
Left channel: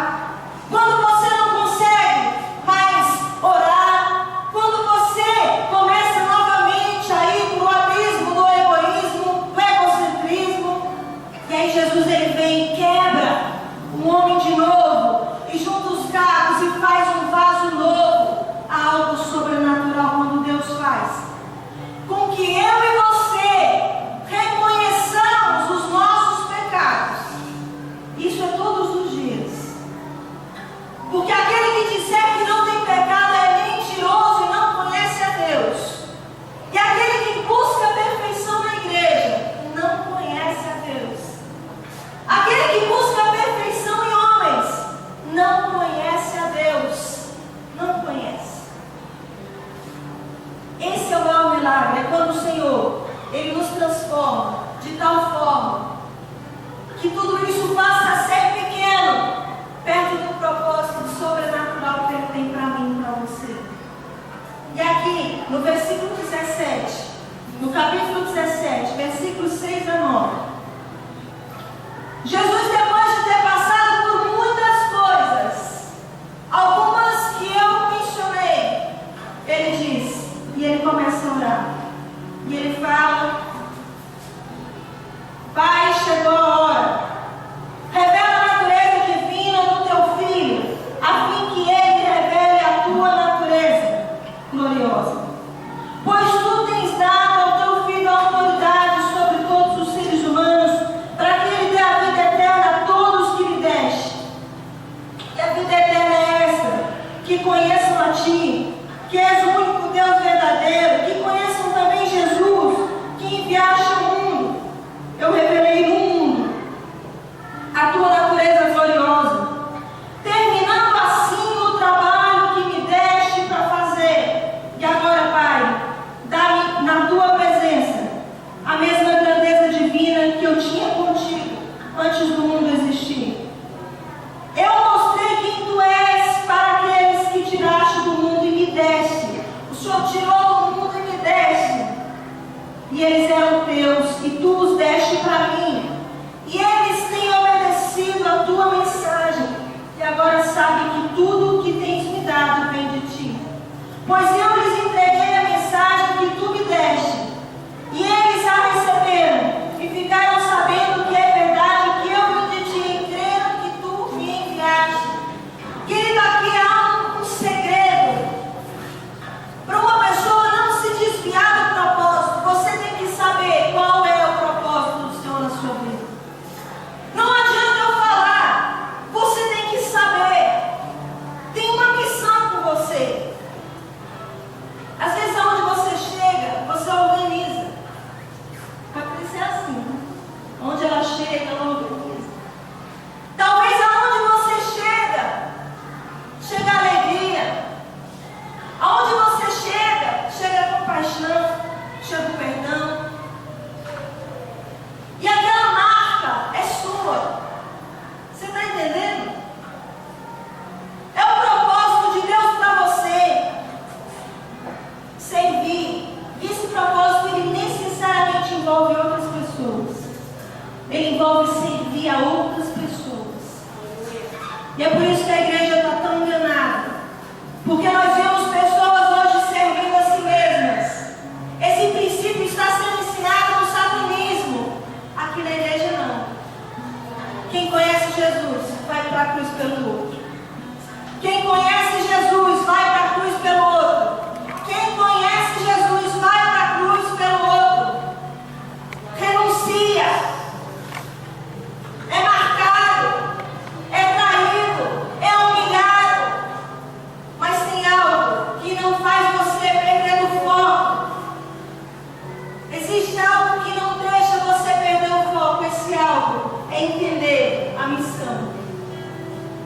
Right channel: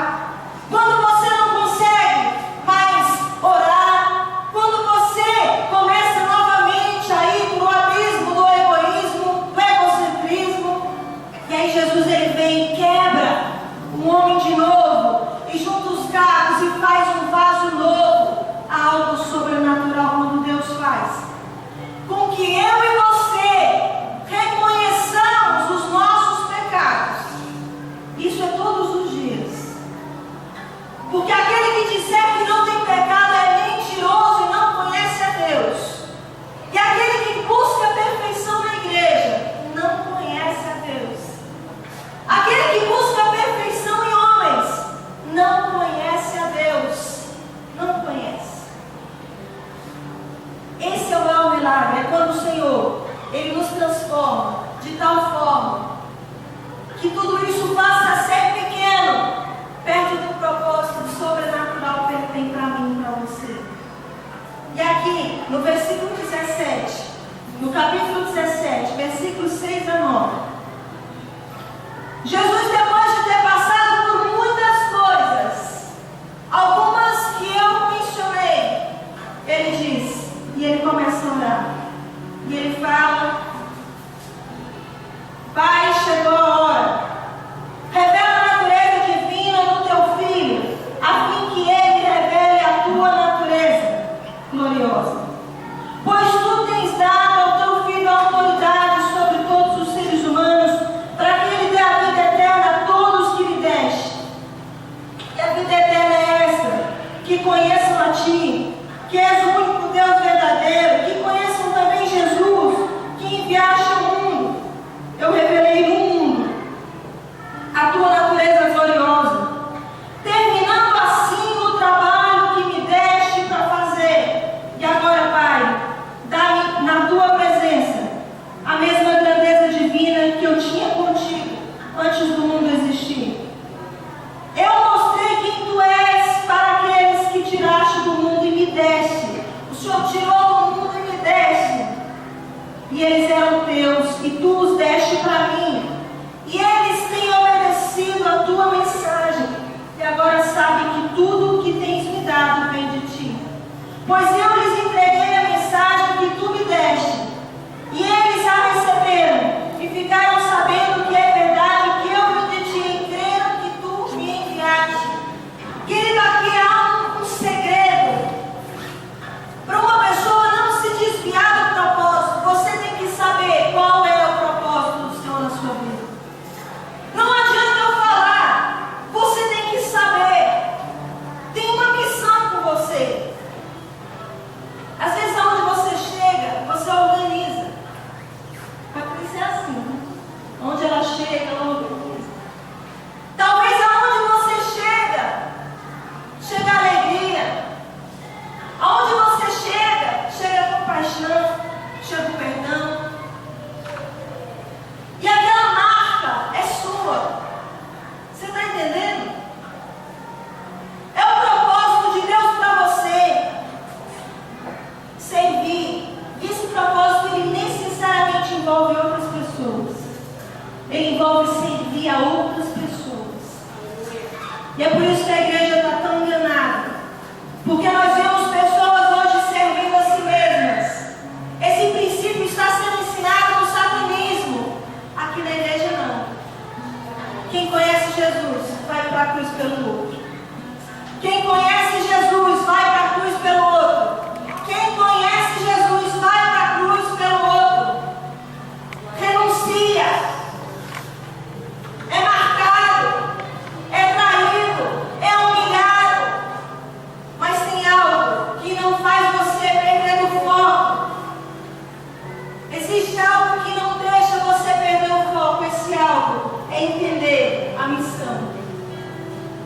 quando você não consegue mais orar, quando você começa novamente a ir para o abismo do egoísmo, do egocentrismo, e aí Jesus ele vem e quebra o homem de novo e junta os cacos e faz um vaso novo. Há algo sobrenatural quando Deus faz com que eu e você reconheçamos os nossos pecados. Isso é todos os dias. Porque aquele que disser que não tem pecado é mentiroso e não conhece a Deus. E aquele que busca a perfeição na igreja não conhece a Deus. Aquele que busca a perfeição em homens não conhece a Deus. Não conhece. Esse é o maior milagre. É quando o Senhor ele nos transforma de tal forma que tudo isso passa a ser pequeno perto do propósito sobrenatural que Ele tem para mim e para você. E aqui no versículo 17, no capítulo 17, versículos 6 a 9, Jesus, depois de ter passado por muitas coisas, algumas que eu mencionei, Ele diz, e Ele começa a orar, e Ele fala eu revelei no mundo a tua natureza gloriosa, terminando assim o trabalho que me deste para fazer. E agora, Pai, dá-me na tua presença a mesma grandeza divina que eu tinha contigo antes do mundo existir. Eu mostrei quem tu és para aqueles que tiraste do mundo e me deste. O Senhor tirou do mundo e me deste. E eles eram teus, e tu os deste para mim. E eles têm obedecido a tua mensagem. E agora sabem que tudo o que tens me dado vem de ti. Pois eu lhes entreguei a mensagem que tu me deste. E eles a receberam, e ficaram sabendo que é verdade que eu vim de ti, e creram que tu me enviaste. Querido, aqui há um segredo. Para uma pessoa não se desviar do propósito, você tem que saber qual é o propósito do Senhor na sua vida. Não adianta eu falar, você tem que saber. Tem uma missão com você. Às vezes, aonde você chega, você organiza. A Cris é assim, né? Onde ela chega, ela organiza. Talvez aonde você chega, chega a alegria. Aonde você chega, chega a compaixão, chega o perdão. E aquela marca é sua. Você está entendendo? É o propósito de Deus para você. Servir. E esse propósito, ele necessariamente envolve outras pessoas. Ele envolve servir a outras pessoas. E é por isso que a igreja está tão enganada. Porque nós vemos pessoas hoje servindo a si mesmas. Esse princípio está sendo ensinado no satanismo. Aqui na igreja não. Quem conhece Jesus vai para a cruz pelo outro. Quem conhece Jesus vai para a cruz pelo outro. Quem conhece Jesus vai para a cruz pelo outro. Renuncia. É marcado. É traído. É humilhado. Mas tem algo que não faz você perder o foco. Existe algo que não deixa você perder o foco. Esse algo é entender a missão.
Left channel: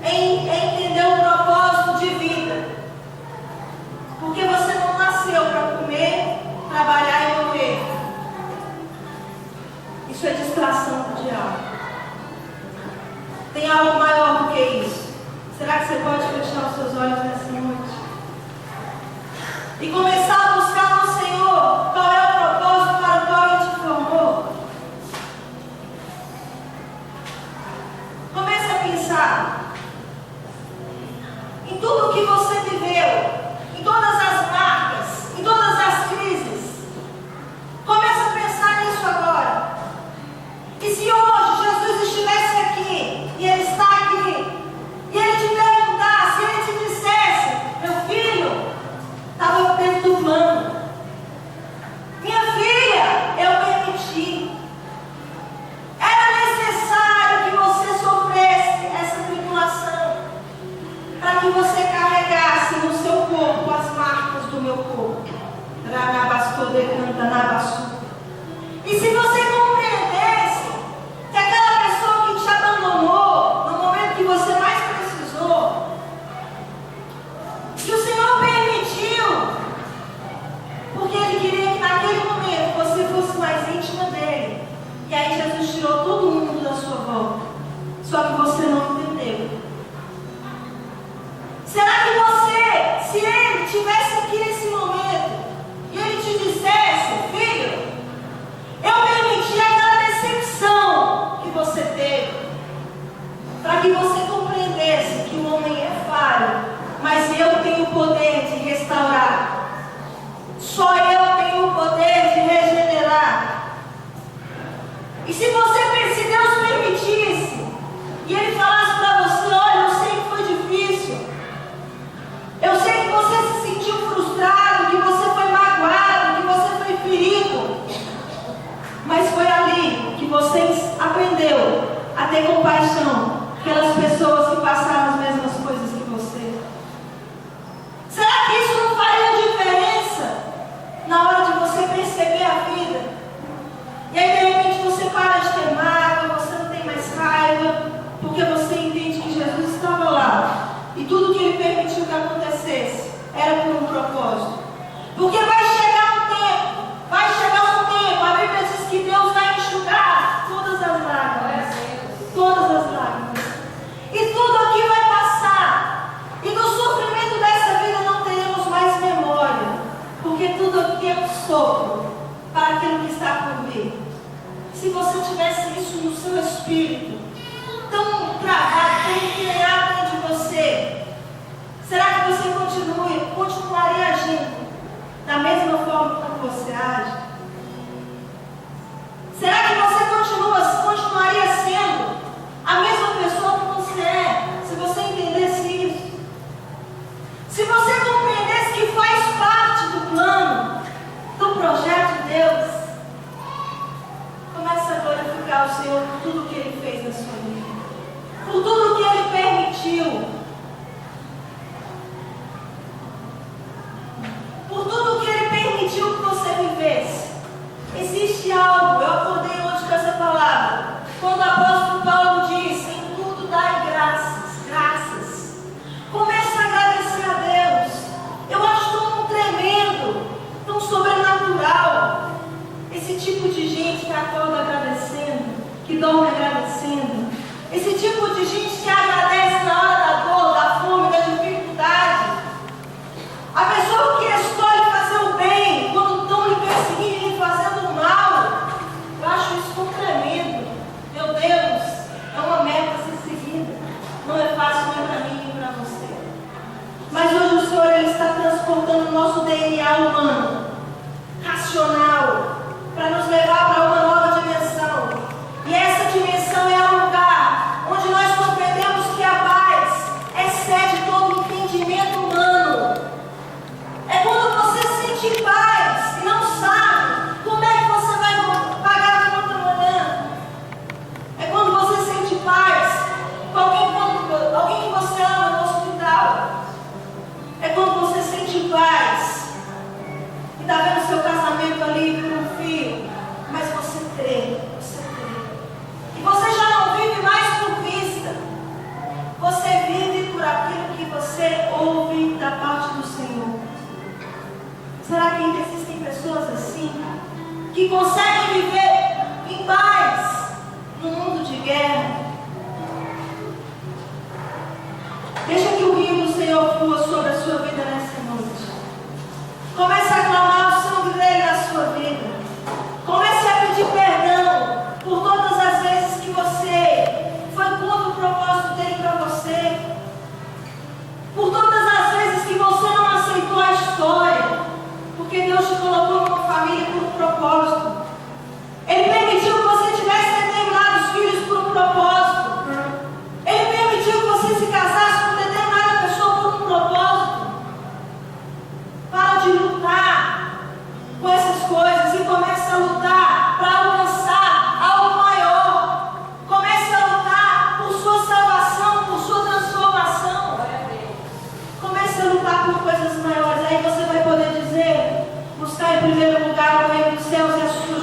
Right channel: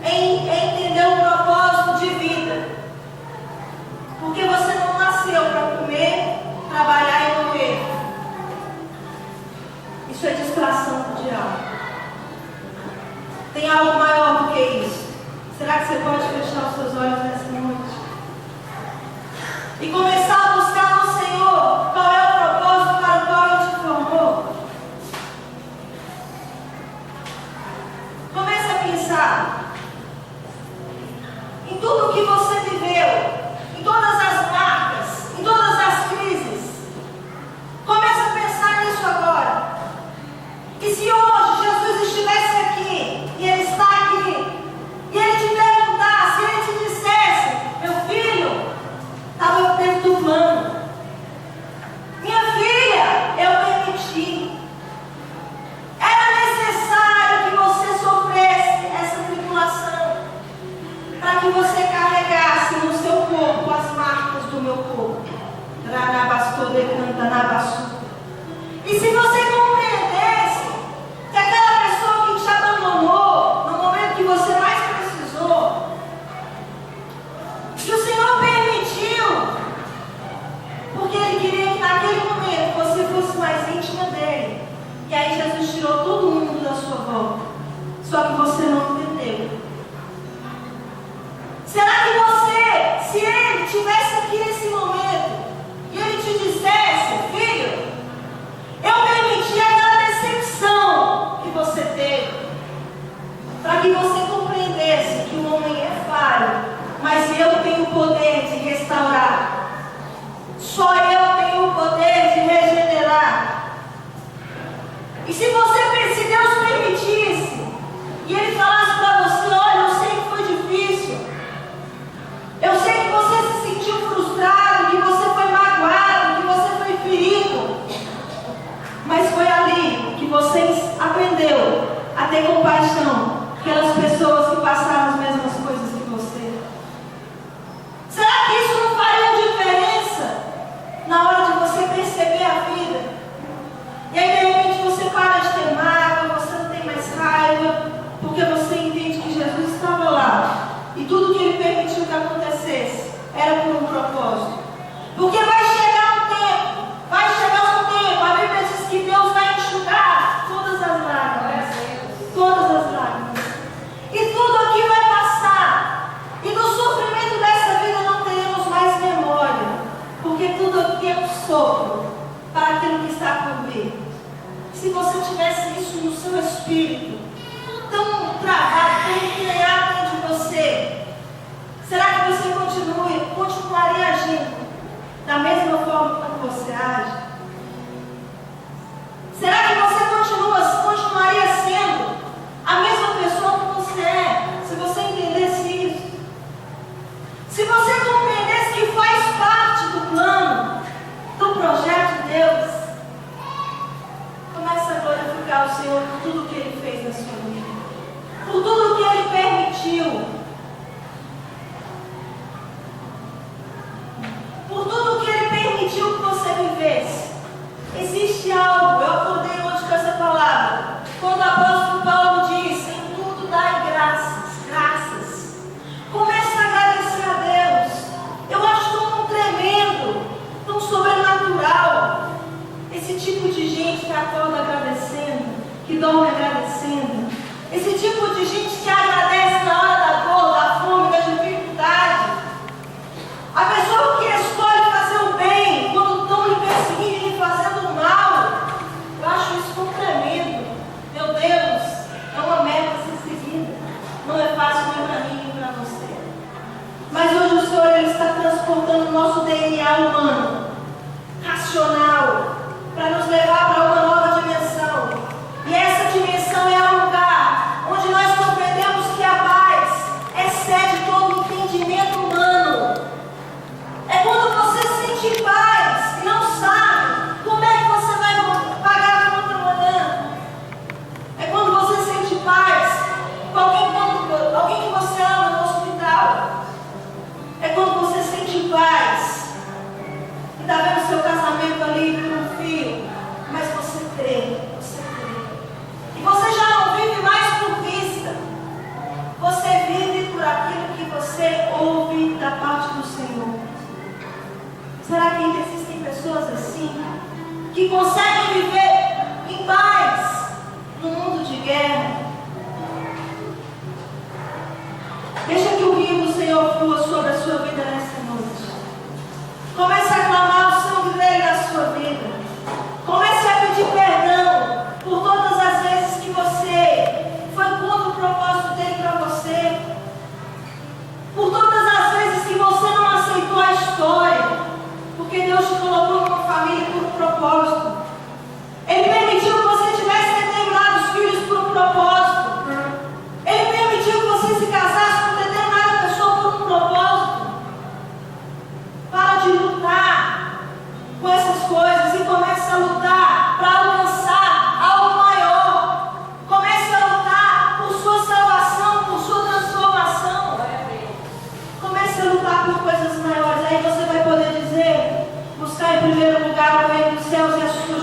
É entender o propósito de vida. Porque você não nasceu para comer, trabalhar e morrer. Isso é distração do diabo. Tem algo maior do que isso. Será que você pode fechar os seus olhos nessa noite? E começar a buscar no Senhor qual é o propósito para o qual Ele te formou? Comece a pensar em tudo o que você viveu, em todas as marcas, em todas as crises. Comece a pensar nisso agora. E se hoje Jesus estivesse aqui, e Ele está aqui, e Ele te perguntasse, Ele te dissesse: meu filho, estava dentro do plano. Minha filha, eu permiti. Era necessário que você sofresse essa tribulação, para que você carregasse no seu corpo as marcas do meu corpo. E se você compreendesse que aquela pessoa que te abandonou no momento que você mais precisou, que o Senhor permitiu, porque Ele queria que naquele momento você fosse mais íntima dEle. E aí Jesus tirou todo mundo da sua volta. Só que você não entendeu. Será que você, se Ele estivesse aqui nesse momento, e Ele te dissesse: filho, eu permiti aquela decepção que você teve, para que você compreendesse que o homem é falho, mas eu tenho o poder de restaurar. Só eu tenho o poder de regenerar. E se Deus permitisse, e Ele falasse para você: olha, eu sei que foi difícil, eu sei que você se sentiu frustrado, que você foi magoado, que você foi ferido, mas foi ali que você aprendeu a ter compaixão pelas pessoas que passaram as mesmas coisas que você. Será que isso não faria diferença na hora de você perceber a vida? E aí de repente você para de era por um propósito. Porque vai chegar um tempo, a Bíblia diz que Deus vai enxugar todas as lágrimas. Todas as lágrimas. E tudo aqui vai passar. E do sofrimento dessa vida não teremos mais memória. Porque tudo aqui é um sopro para aquilo que está por vir. Se você tivesse isso no seu espírito, tão travado, tão entranhado dentro de você, será que você continuaria agindo da mesma forma como você age? Será que você continuaria sendo a mesma pessoa que você é, se você entendesse isso? Se você compreendesse que faz parte do plano, do projeto de Deus, comece a glorificar o Senhor por tudo que Ele fez na sua vida, por tudo que Ele permitiu, por tudo que Ele permitiu que você vivesse. Existe algo, eu acordei hoje com essa palavra, quando o apóstolo Paulo diz: em tudo dai graças. Comece a agradecer a Deus. Eu acho tão tremendo, tão sobrenatural, esse tipo de gente que acorda agradecendo, que dorme agradecendo, esse tipo de gente que agradece na hora da dor, da fome, da dificuldade. A pessoa que escolhe fazer o bem quando estão lhe perseguindo e lhe fazendo o mal. Eu acho isso tão tremendo. Meu Deus, é uma meta a ser seguida. Não é fácil nem para mim nem para você. Mas hoje o Senhor Ele está transportando o nosso DNA humano, racional, para nos levar para uma nova dimensão. E essa dimensão é o lugar onde nós compreendemos que a paz excede todo o entendimento humano. É quando você sente paz e não sabe como é que você vai pagar a conta amanhã. É quando você sente paz com alguém que você ama no hospital. É quando você sente paz e está vendo seu casamento ali por um fio, mas você crê. E você já não vive mais por vista. Você vive por aquilo que você ouve da parte do Senhor. Será que ainda existem pessoas assim, que conseguem viver em paz no mundo de guerra? Deixa que o rio do Senhor flua sobre a sua vida nessa noite. Comece a clamar o sangue dele na sua vida. Comece a pedir perdão por todas as vezes que você foi contra o propósito dele para você. Por todas as vezes que você não aceitou a história. Porque Deus te colocou numa família por um propósito. Ele permitiu que você tivesse determinados filhos por um propósito. Ele permitiu que você se casasse com determinada pessoa por um propósito. Para de lutar com essas coisas e comece a lutar para alcançar algo maior. Comece a lutar por sua salvação, por sua transformação. Comece a lutar por coisas maiores. Aí você vai poder dizer: buscar em primeiro lugar o reino dos céus e a sua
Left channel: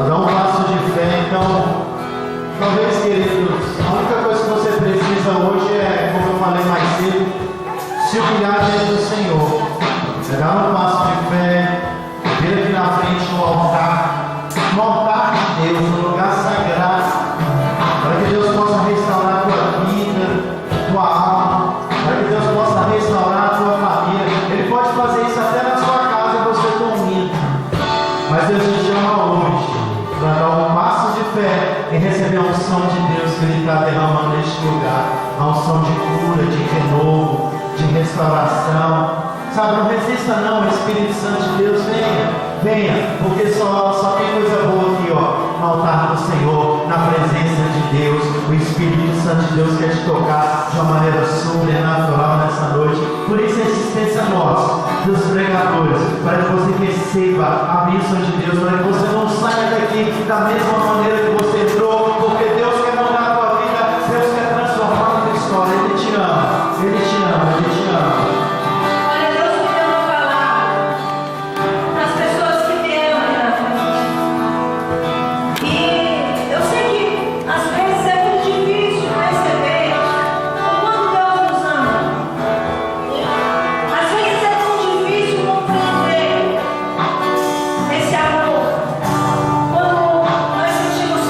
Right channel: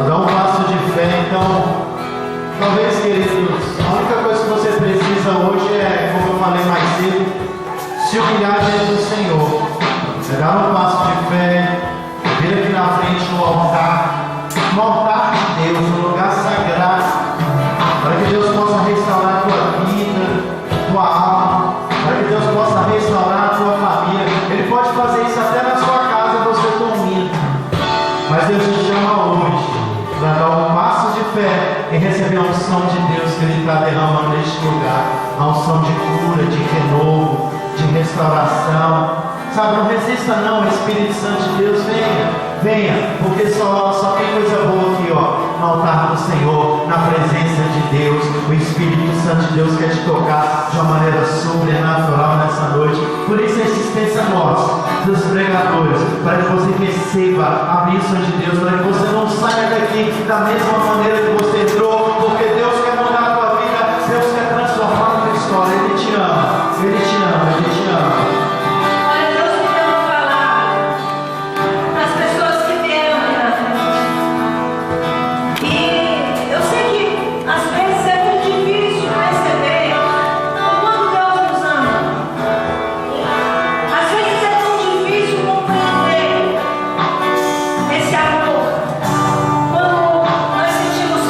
a dar um passo de fé. Então, talvez, queridos, a única coisa que você precisa hoje é, como eu falei mais cedo, se humilhar diante do Senhor, dar um passo de fé, vir aqui na frente no altar de Deus, no lugar sagrado, para que Deus possa restaurar a tua vida, tua alma, para que Deus possa restaurar a tua família. Ele pode fazer isso até na sua casa, você dormindo, mas Deus te chama hoje para dar um passo de fé e receber a unção de Deus que Ele está derramando neste lugar, a unção de cura, de renovo, de restauração. Sabe, não resista não, o Espírito Santo de Deus, venha, porque só tem coisa boa aqui, ó, no altar do Senhor, na presença de Deus. O Espírito Santo de Deus quer te tocar de uma maneira sobrenatural nessa noite. Por isso a insistência nossa, dos pregadores, para que você receba a bênção de Deus, para que você não saia daqui da mesma maneira que você entrou, porque Deus quer mudar a tua vida, Deus quer transformar a tua história. Ele te ama, Ele te ama, Ele te ama. Quando nós sentimos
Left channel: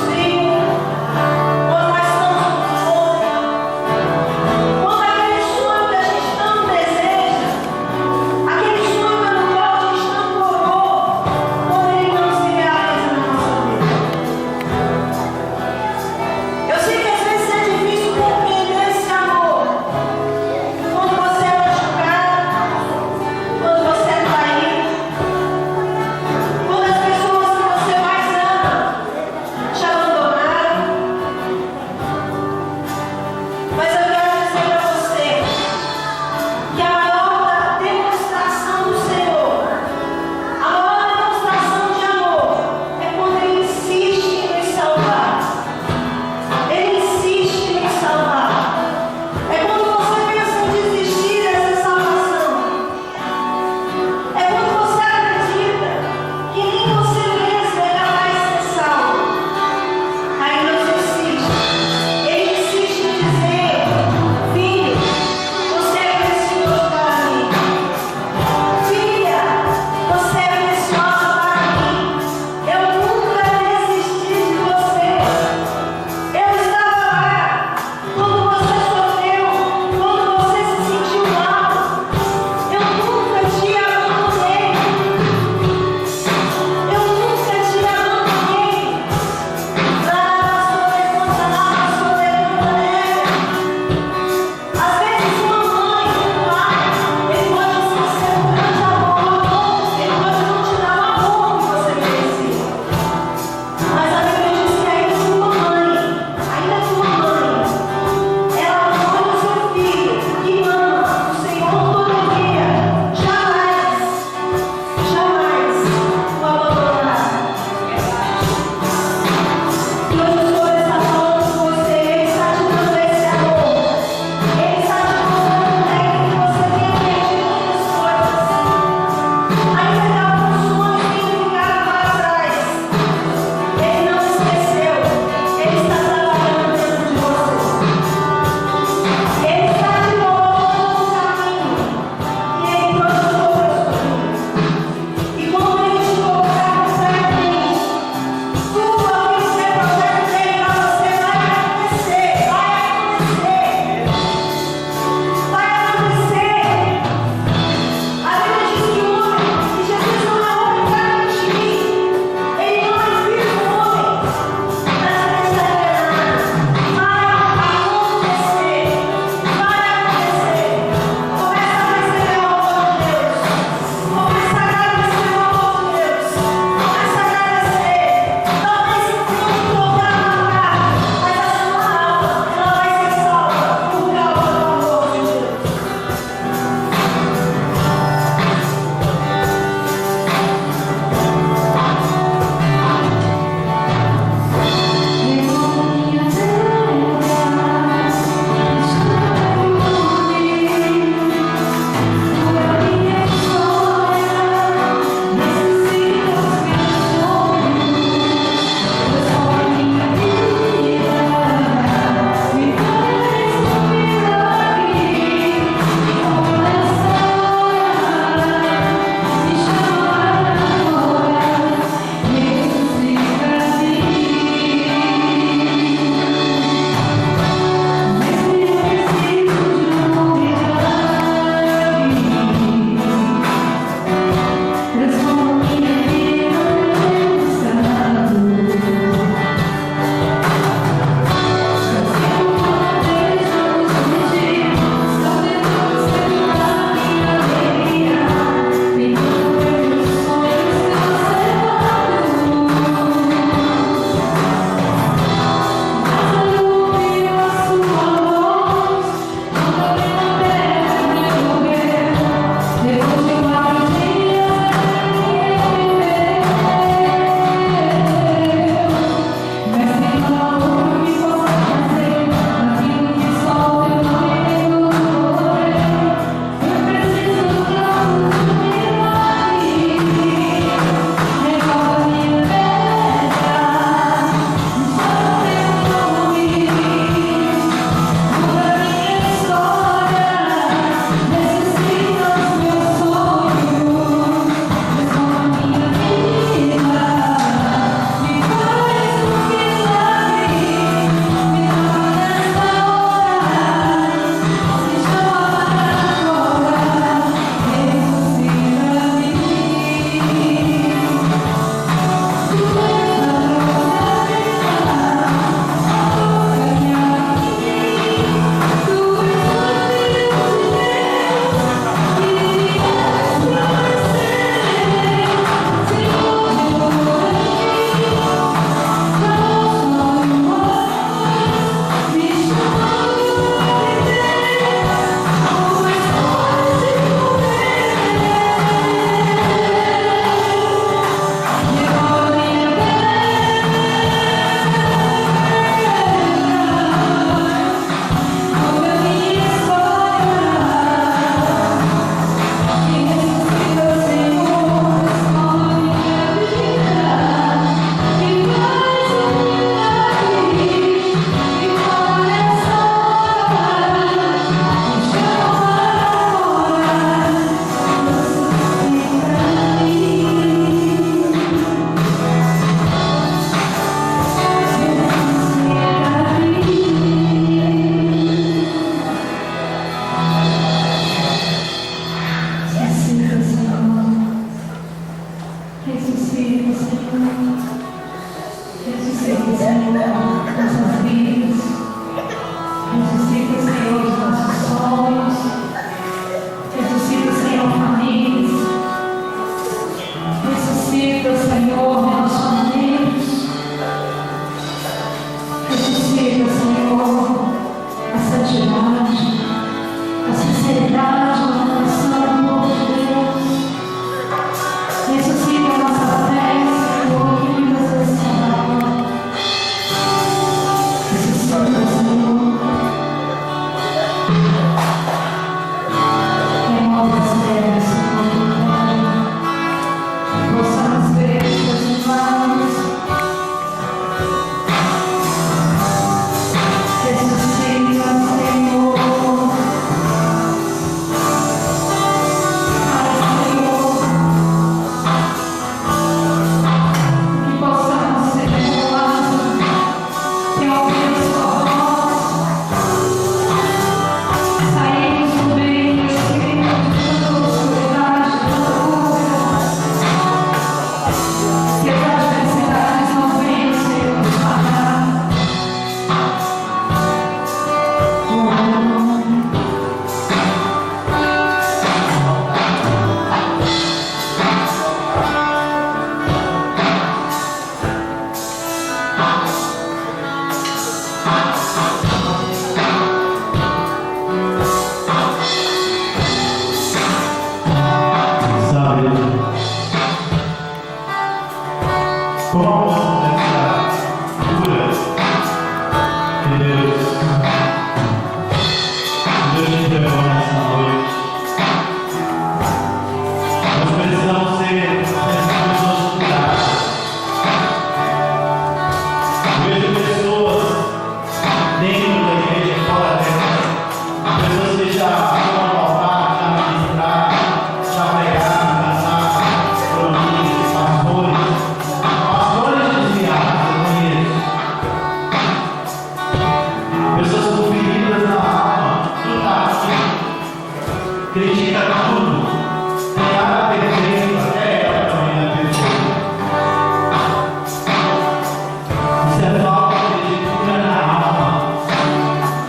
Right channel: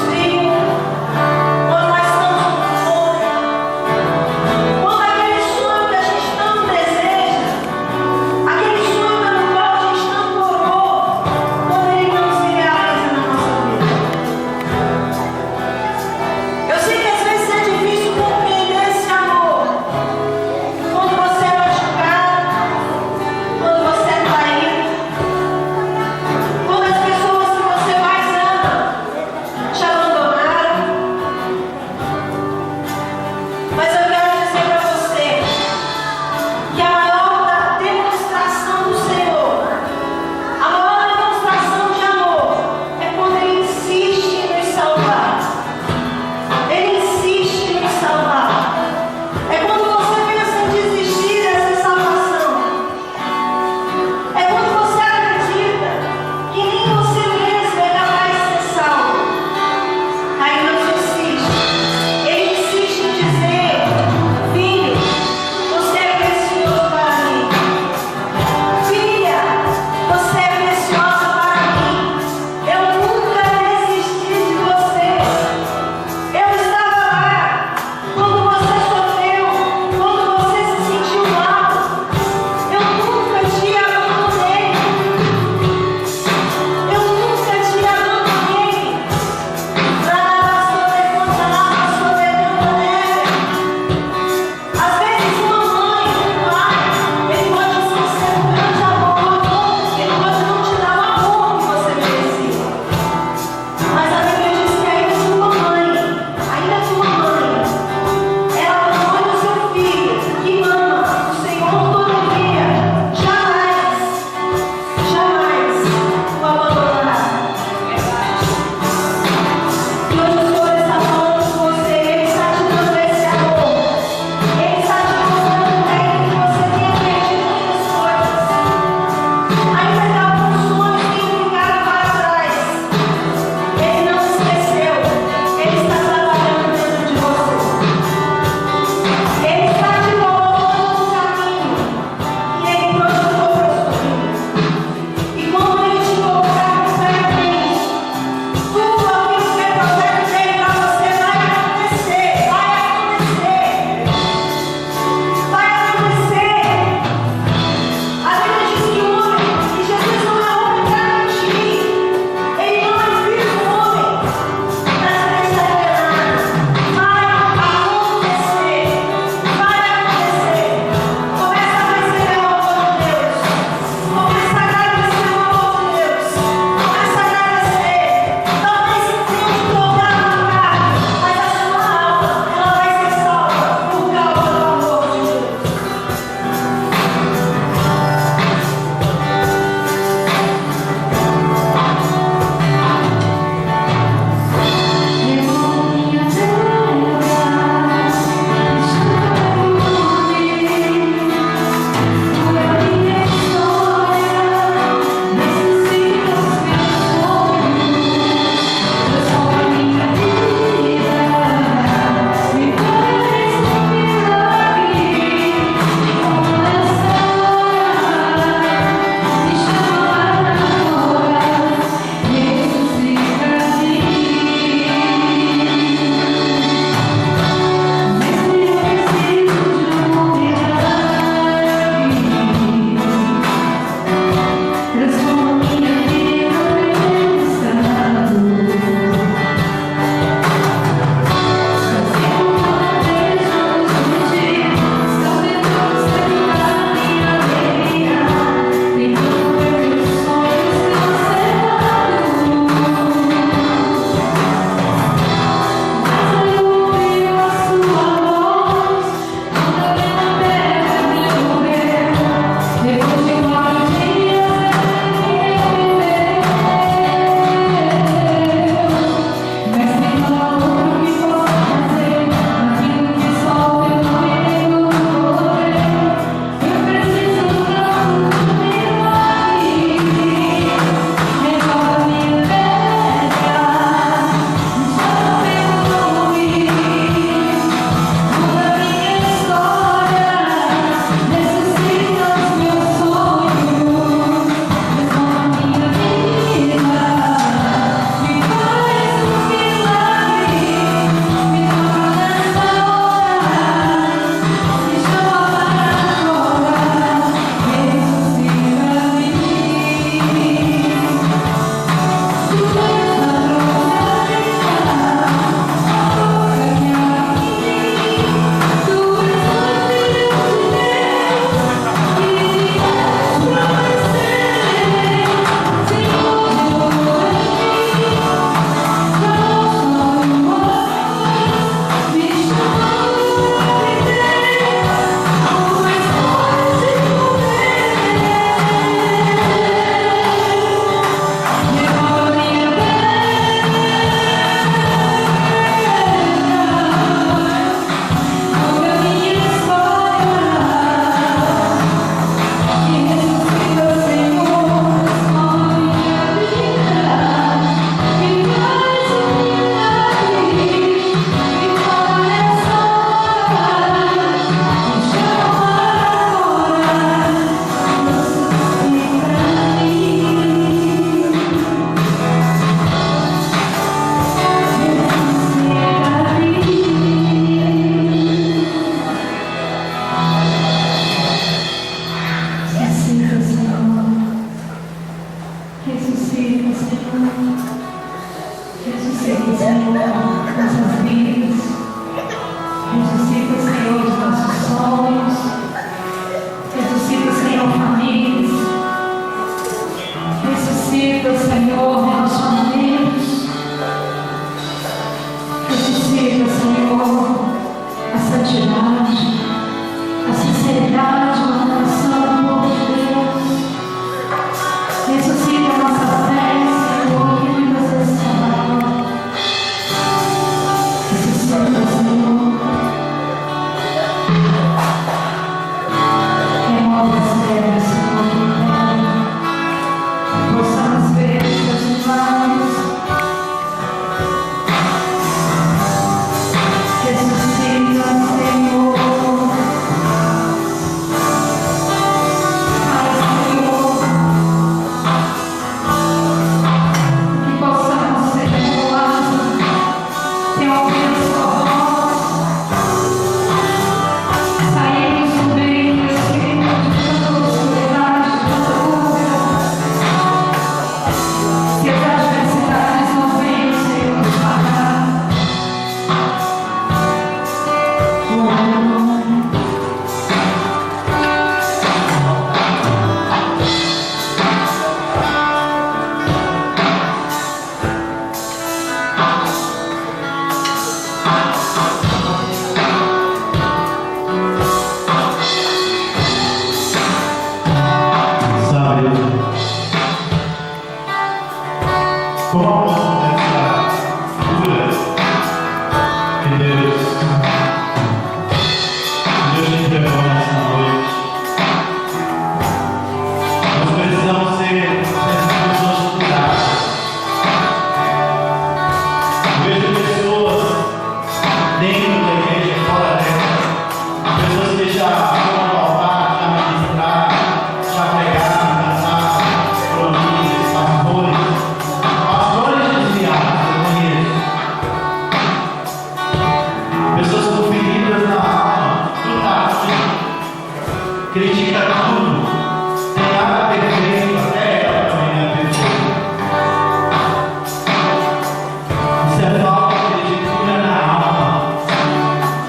é falta de cura na alma,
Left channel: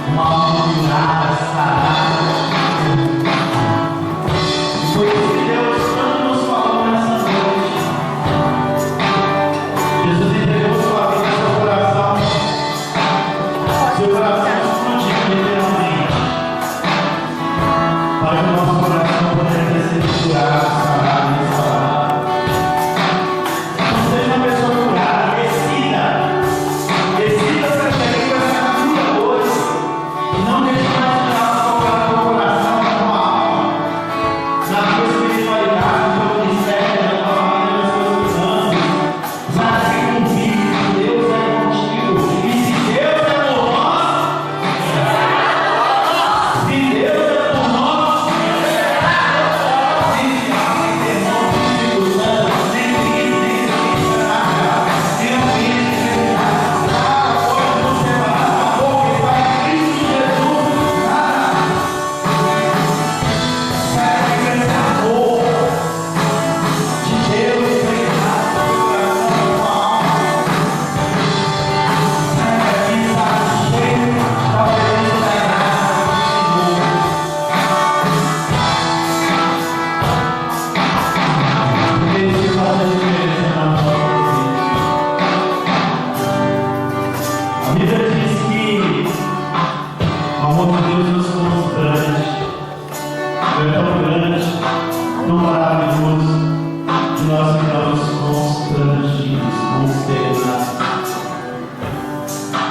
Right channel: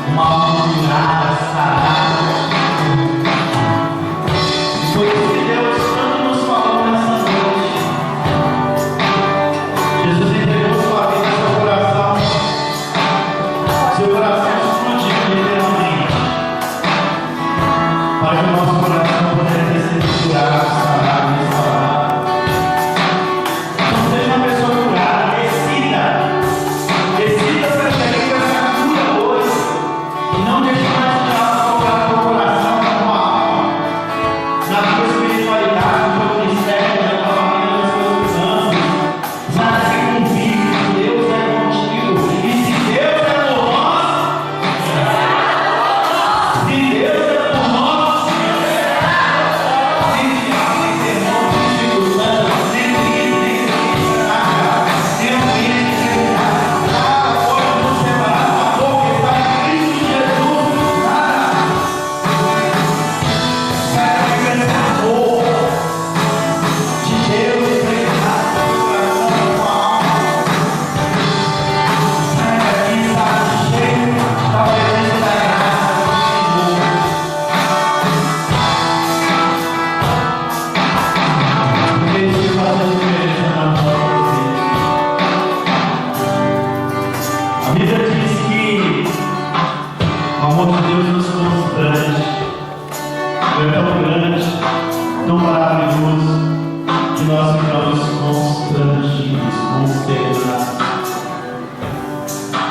uma alma curada, sarada. Foi isso que Deus tanto nos falou nessa noite. Jesus entregou sua vida, seu coração explodiu literalmente, para que o nosso coração pudesse ser curado, sarado e restaurado. Então seja uma pessoa curada, decida sair com essa cura hoje, e não deixe mais o diabo tocar no teu coração, na tua alma, na tua espiritualidade, no teu ministério, na tua família, nas tuas finanças. Sabe, se convicto que Deus é contigo, e se Deus é por nós, se Deus é por nós, nem diabo, nem demônio, nem dificuldade, nem crise, nem fraca, nem ambiente, nem nada pode nos separar do amor que está em Cristo Jesus. Nada. Sabe que esse amor de Deus impregnado no teu coração, na tua alma. Sai daqui, sabe, cheio da presença da graça do Senhor. Porque isso faz a diferença na nossa vida. A Bíblia diz que o amor de Deus nos constrange. É tão grande, tão maravilhoso, que nós ficamos constrangidos, consternados.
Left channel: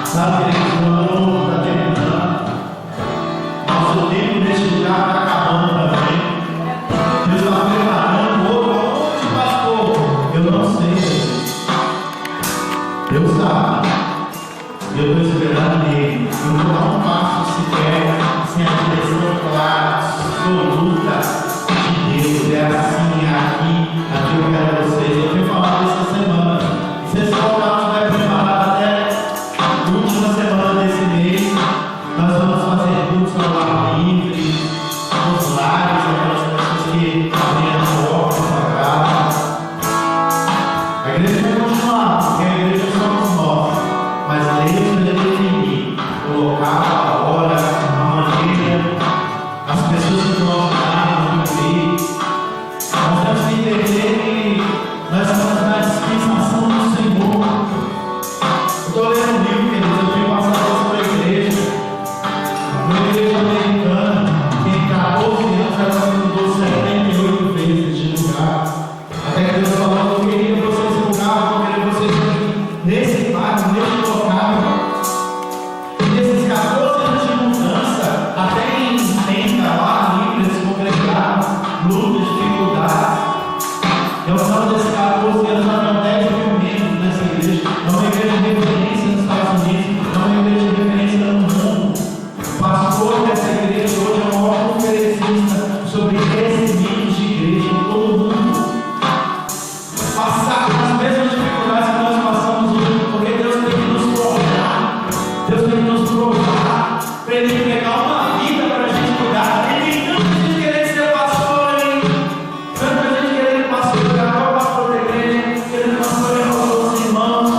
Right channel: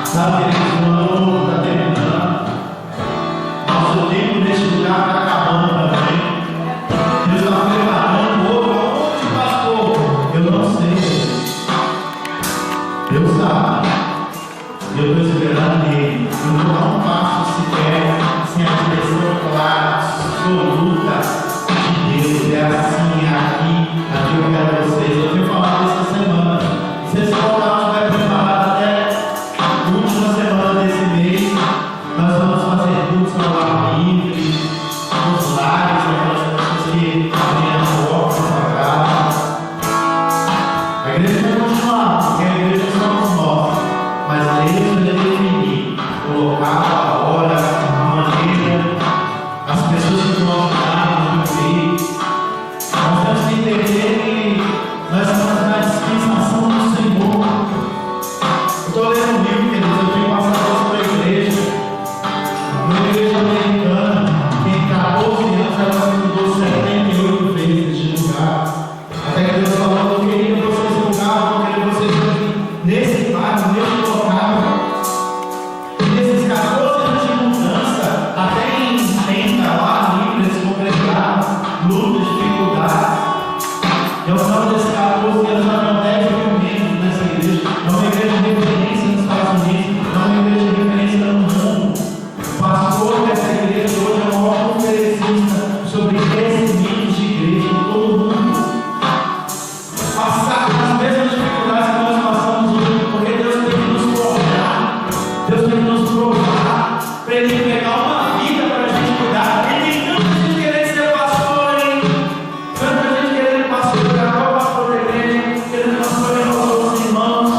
Sabe, queridos, o ano está terminando, nosso tempo neste lugar está acabando também. Deus está preparando outro. Aonde, pastor? Eu não sei, Jesus. Deus sabe. Eu estou esperando nele. Eu não vou dar um passo sequer sem a direção clara, absoluta de Deus. É assim, é aqui eu quero vocês. Eu tenho falado essa semana. Vocês voltaram, vai preparar até a última semana desse mês. Nós vamos fazer cultos ao ar livre, nos lares, aquelas pessoas que abriram a porta da sua casa. A igreja vai continuar, porque a igreja somos nós. Mas Deus vai definir o local, a hora, a maneira, as pessoas que vão ajudar, vão cumprir. Nós temos que entender que nós estamos na dispensação do Senhor. Eu estou lendo um livro, queridos, eu tenho passado isso para a igreja. Uma igreja americana, que em 14 anos ela se mudou 78 vezes de lugar. Até que Deus falou: eu queria que vocês lugavam, eu queria vocês aqui nesse bairro, nesse local. E nesses 14 anos de mudança, até em tenda, lá livre, eles congregaram, lutas, dificuldades. E ao final desses 14 anos, já tinham 10 mil membros nessa igreja. É uma igreja de referência nos Estados Unidos, é uma igreja de referência no mundo. O pastor dessa igreja hoje é o maior conferencista sobre crescimento de igreja em todo o mundo. Passar as mesmas dificuldades que nós passamos hoje, porque Deus tem que nos forjar, Deus tem que nos provar, para Ele pegar uma vida para a gente cuidar. E tem tanta gente querendo ser pastor, hein? Tanta gente querendo pastorear, qual pastor da igreja, querendo pastorear os outros irmãos.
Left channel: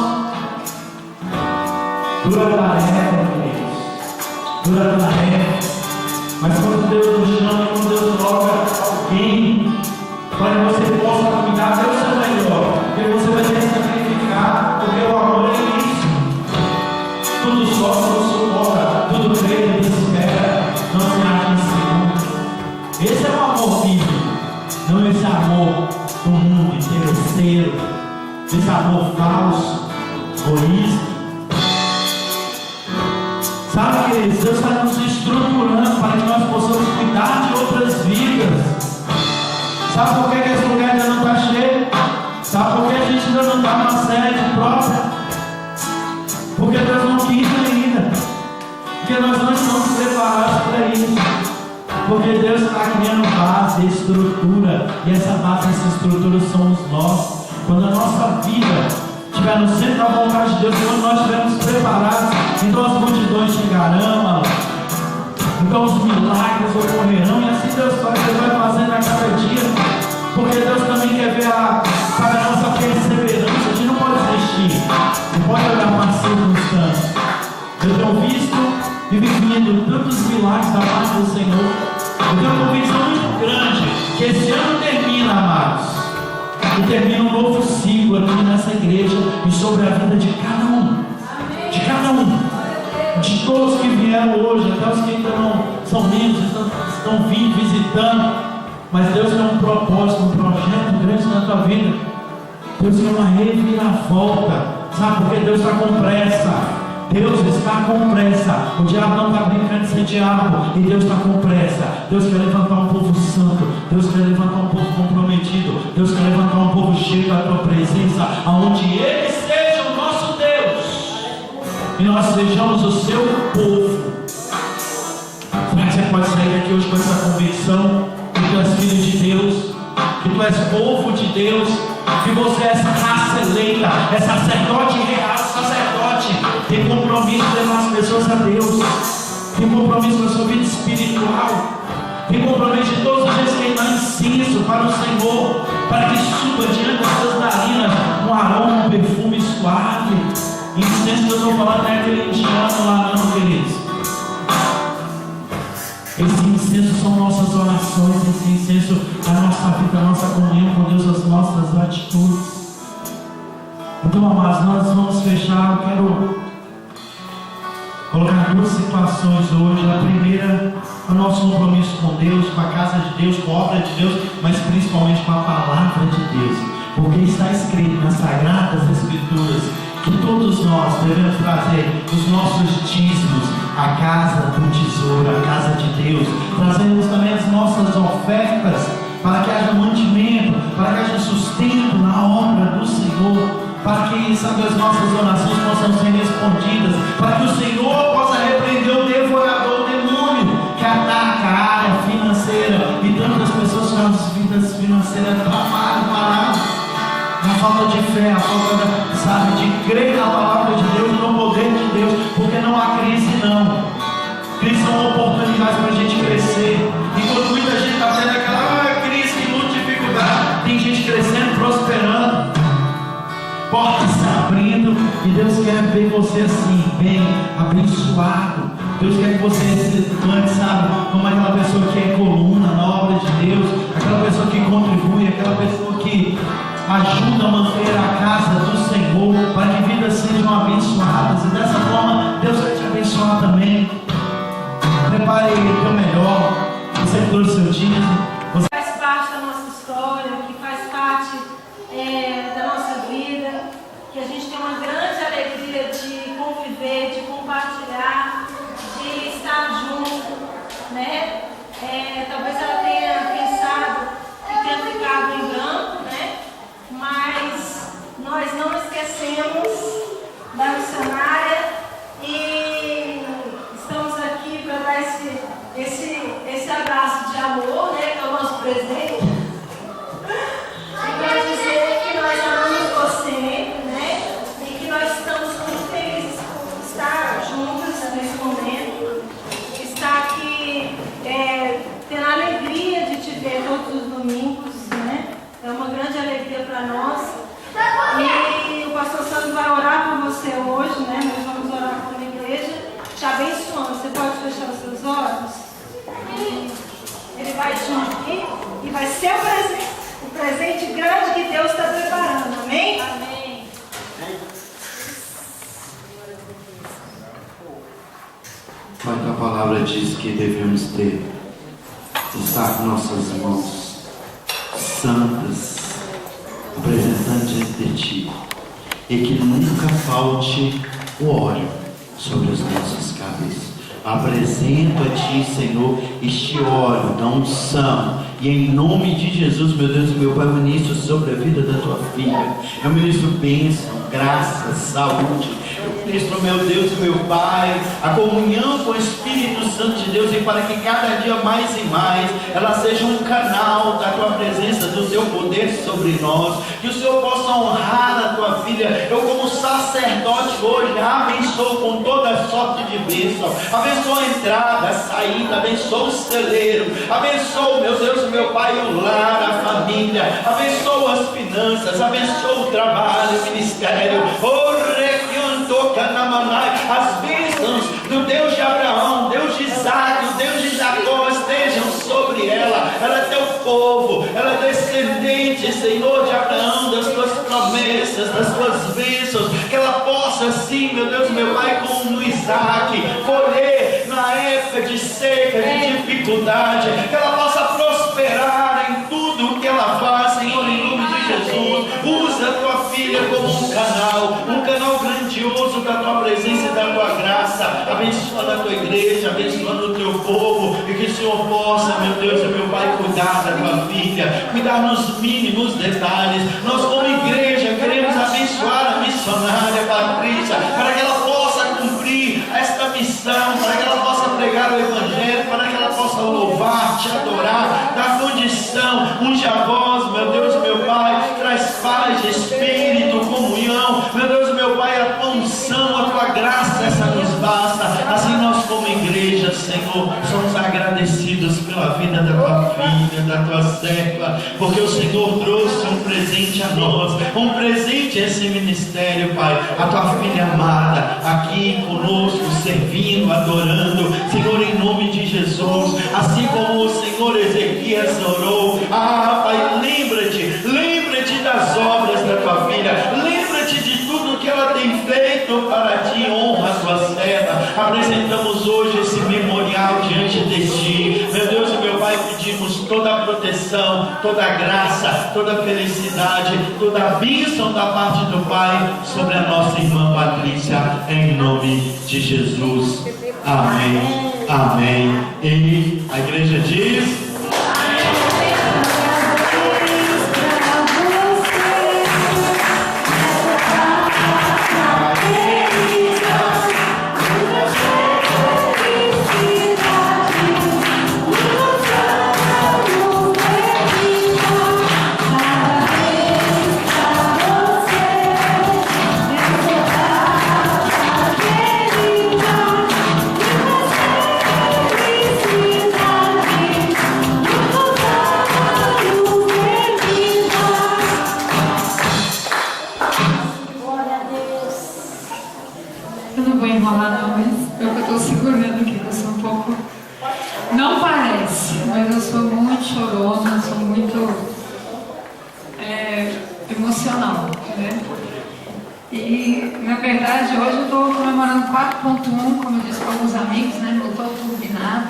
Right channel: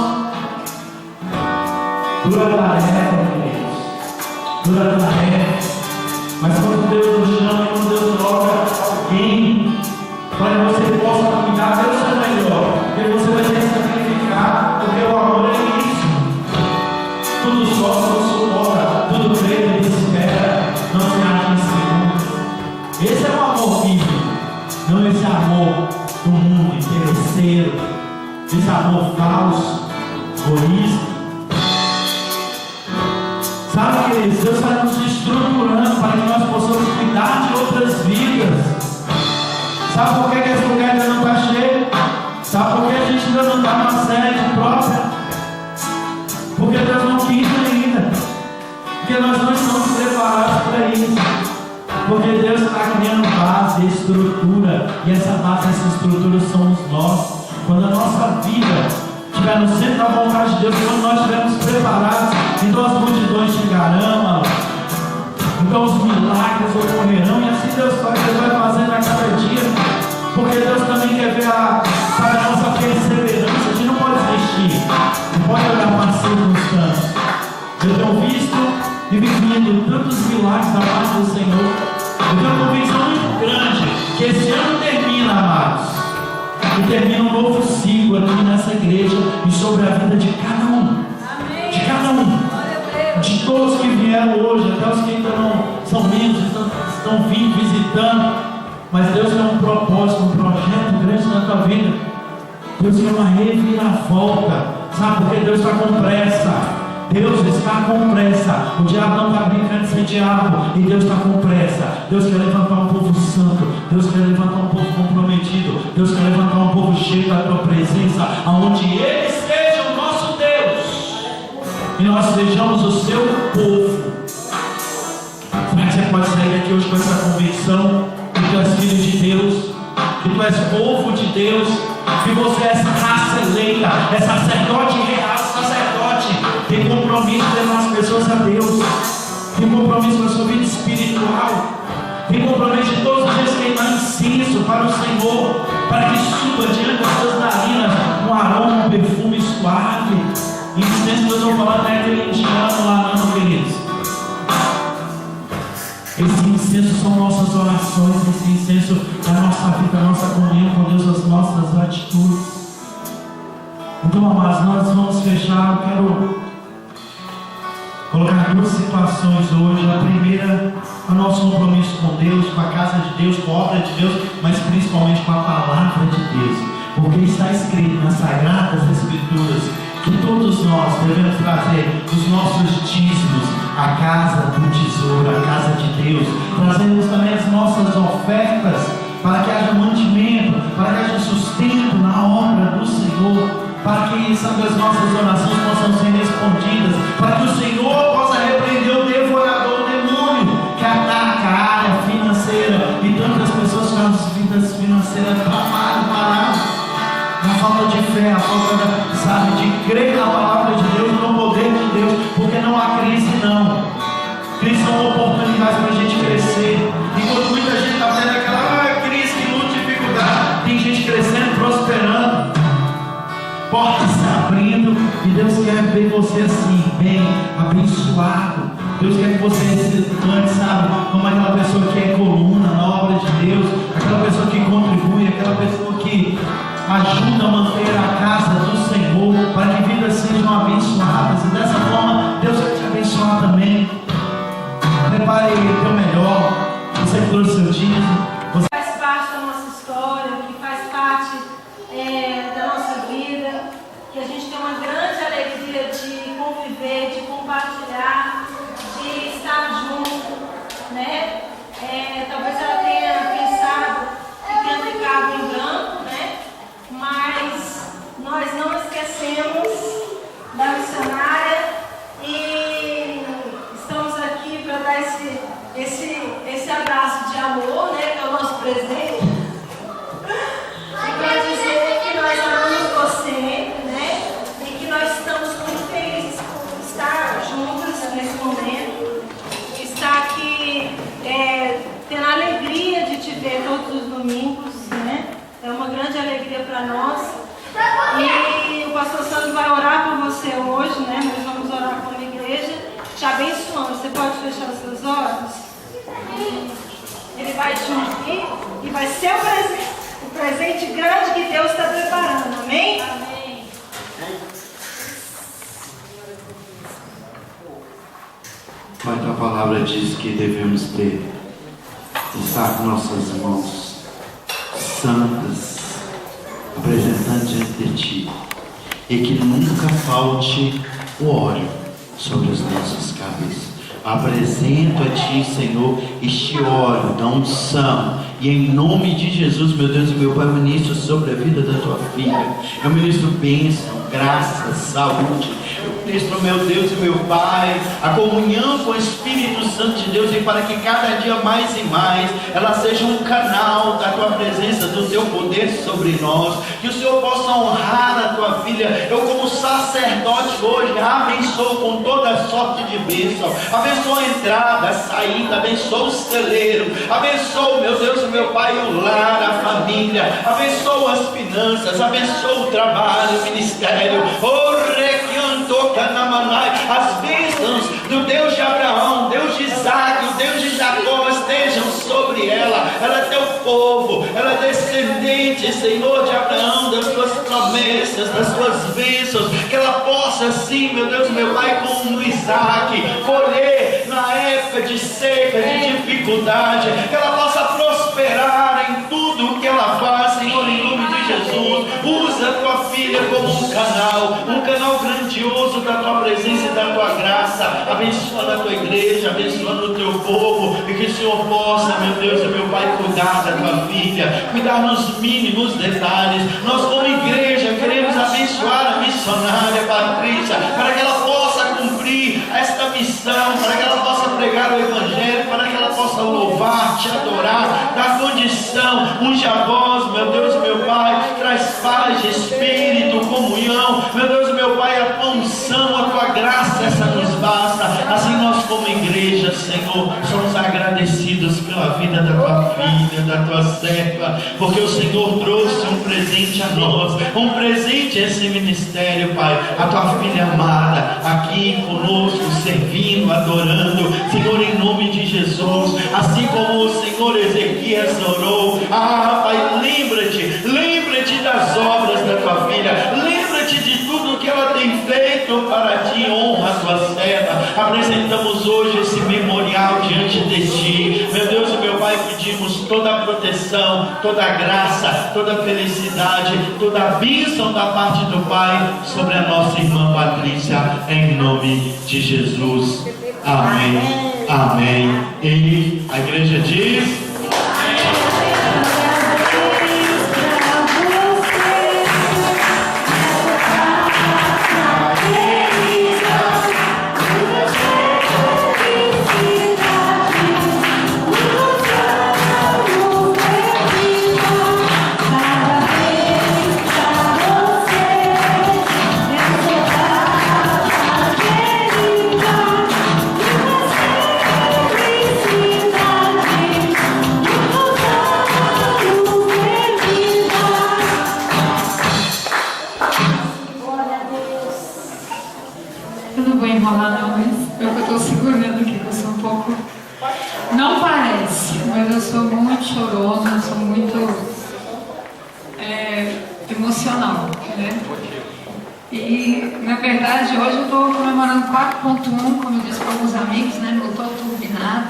Dura a tarefa, queridos, dura a tarefa. Mas quando Deus nos chama, quando Deus coloca alguém para que você possa cuidar, Deus é melhor, porque você vai ter que sacrificar, porque o amor é isso. Tudo sofre, tudo suporta, tudo crê, tudo espera, não se acha inseguro. Esse é o amor vivo, não esse amor do mundo interesseiro, esse amor falso, egoísta. Sabe, queridos, Deus está nos estruturando para que nós possamos cuidar de outras vidas. Sabe por que esse lugar ainda não está cheio? Sabe por que a gente ainda não está numa sede própria? Porque Deus não quis ainda. Porque nós não estamos preparados para isso. Porque Deus está criando base, estrutura. E essa base, essa estrutura somos nós. Quando a nossa vida estiver no centro da vontade de Deus, quando nós estivermos preparados, então as multidões chegarão, então os milagres ocorrerão, e assim Deus vai fazendo a cada dia, porque Deus também quer ver a nossa perseverança. A gente não pode desistir, não pode olhar para cima e vivido tantos milagres da parte do Senhor. Eu tenho uma convicção muito grande que esse ano termina, amados, e termina um novo ciclo aqui nessa igreja e sobre a vida de cada um. De cada um. De todos que vieram hoje, até os que ainda não são membros, estão vindo, visitando. Mas Deus tem um propósito, um projeto grande na tua vida. Deus quer uma reviravolta. Sabe por que Deus está com pressa? Deus está com pressa. O diabo não está brincando de ser diabo. E Deus está com pressa. Deus quer levantar um povo santo. Deus quer levantar um povo comprometido. Deus quer levantar um povo cheio da tua presença, aonde Ele seja o nosso Deus e nós sejamos o seu povo. Como é que você pode sair daqui hoje com essa convicção que tu és filho de Deus, que tu és povo de Deus, que você é raça eleita, é sacerdote real, sacerdote, tem compromisso de levar as pessoas a Deus, tem compromisso com a sua vida espiritual, tem compromisso de todos os dias queimar incenso para o Senhor, para que suba diante das suas narinas um aroma, um perfume suave. Incenso que eu estou falando não é aquele indiano lá não, queridos. Esse incenso são nossas orações, esse incenso é a nossa vida, a nossa comunhão com Deus, as nossas atitudes. Então, amados, nós vamos fechar. Eu quero colocar duas situações hoje. A primeira, o nosso compromisso com Deus, com a casa de Deus, com a obra de Deus, mas principalmente com a palavra de Deus. Porque está escrito nas Sagradas Escrituras que todos nós devemos trazer os nossos dízimos à casa do tesouro, à casa de Deus. Trazemos também as nossas ofertas para que haja mantimento, para que haja sustento na obra do Senhor, para que, sabe, as nossas orações possam ser respondidas, para que o Senhor possa repreender o devorador, o demônio que ataca a área financeira, e tantas pessoas com as vidas financeiras paradas. A falta de fé, a falta de crer na palavra de Deus, no poder de Deus, porque não há crise não. Crise são oportunidades para a gente crescer. Enquanto muita gente está tendo aquela crise, luta, dificuldade, tem gente crescendo, prosperando, portas se abrindo, e Deus quer ver você assim, bem, abençoado. Deus quer que você levante, sabe, como aquela pessoa que é coluna na obra de Deus, aquela pessoa que contribui, aquela pessoa que ajuda a manter a casa do Senhor, para que vidas sejam abençoadas, e dessa forma Deus vai te abençoar também. Prepare o teu melhor. Você que trouxe seu dízimo, você faz parte da nossa história, que faz parte da nossa vida, que a gente tem uma grande alegria de conviver, de compartilhar, de estar junto, né? Talvez ela tenha pensado que tenha ficado em branco, né? Mas nós não esquecemos da missionária e estamos aqui para dar esse abraço de amor, né, que é o nosso presente, e para dizer que nós amamos você, né, e que nós estamos muito felizes por estar juntas nesse momento, estar aqui tendo a alegria de te ver todos os domingos, né? É uma grande alegria para nós. E o pastor Sandro vai orar por você hoje, né? Nós vamos orar como igreja, te abençoando. Você pode fechar os seus olhos? Ele vai te ungir e vai ser o presente grande que Deus está preparando. Amém? Amém. Pai, tua palavra diz que devemos estar com nossas mãos santas, apresentando diante de ti, e que nunca falte o óleo sobre as nossas cabeças. Apresento a ti, Senhor, este óleo da unção, e em nome de Jesus, meu Deus e meu Pai, eu ministro sobre a vida da tua filha. Eu ministro bênção, graça, saúde. Eu ministro, meu Deus e meu Pai, a comunhão com o Espírito Santo de Deus, e para que cada dia mais e mais ela seja um canal da tua presença, do teu poder sobre nós. Que o Senhor possa honrar a tua filha. Eu, como sacerdote hoje, abençoo com toda sorte de bênção. Abençoo a entrada, a saída, abençoo o celeiro, abençoo, meu Deus e meu Pai, o lar, a família, abençoo as finanças, abençoo o trabalho, o ministério, as bênçãos do Deus de Abraão, povo, ela é descendente, Senhor, de Abraão, das tuas promessas, das tuas bênçãos, que ela possa assim, meu Deus, meu Pai, como Isaac, colher na época de seca, de dificuldade, que ela possa prosperar em tudo o que ela faz, Senhor, em nome de Jesus. Usa a tua filha como um canal grandioso da tua presença e da tua graça, abençoando a tua igreja, abençoando o teu povo, e que o Senhor possa, meu Deus e meu Pai, cuidar da tua filha, cuidar nos mínimos detalhes. Nós, como igreja, queremos abençoar a missionária Patrícia, para que ela possa cumprir esta missão, para que ela possa pregar o Evangelho, para que ela possa louvar, te adorar, dar condição, unge a voz, meu Deus e meu Pai, traz paz, espírito, comunhão, meu Deus e meu Pai, a tua unção, a tua graça, essa nos basta. Assim nós, como igreja, Senhor, somos agradecidos pela vida da tua filha, da tua serva, porque o Senhor trouxe um presente a nós, um presente a esse ministério, Pai, a tua filha amada, aqui conosco, servindo, adorando, Senhor, em nome de Jesus, assim como o Senhor Ezequias orou. Pai, lembra-te das obras da tua filha, lembra-te de tudo que ela tem feito para ti, honra a tua serva. Apresentamos hoje esse memorial diante de ti, meu Deus e meu Pai, pedimos toda a proteção, toda a graça, toda a felicidade, toda a bênção da parte do Pai sobre a nossa irmã Patrícia, em nome de Jesus. Amém, amém. E a igreja diz: emocional, né? E na verdade hoje eu estou comemorando 4.1, como eu disse para alguns amigos, né? Não estou turbinado,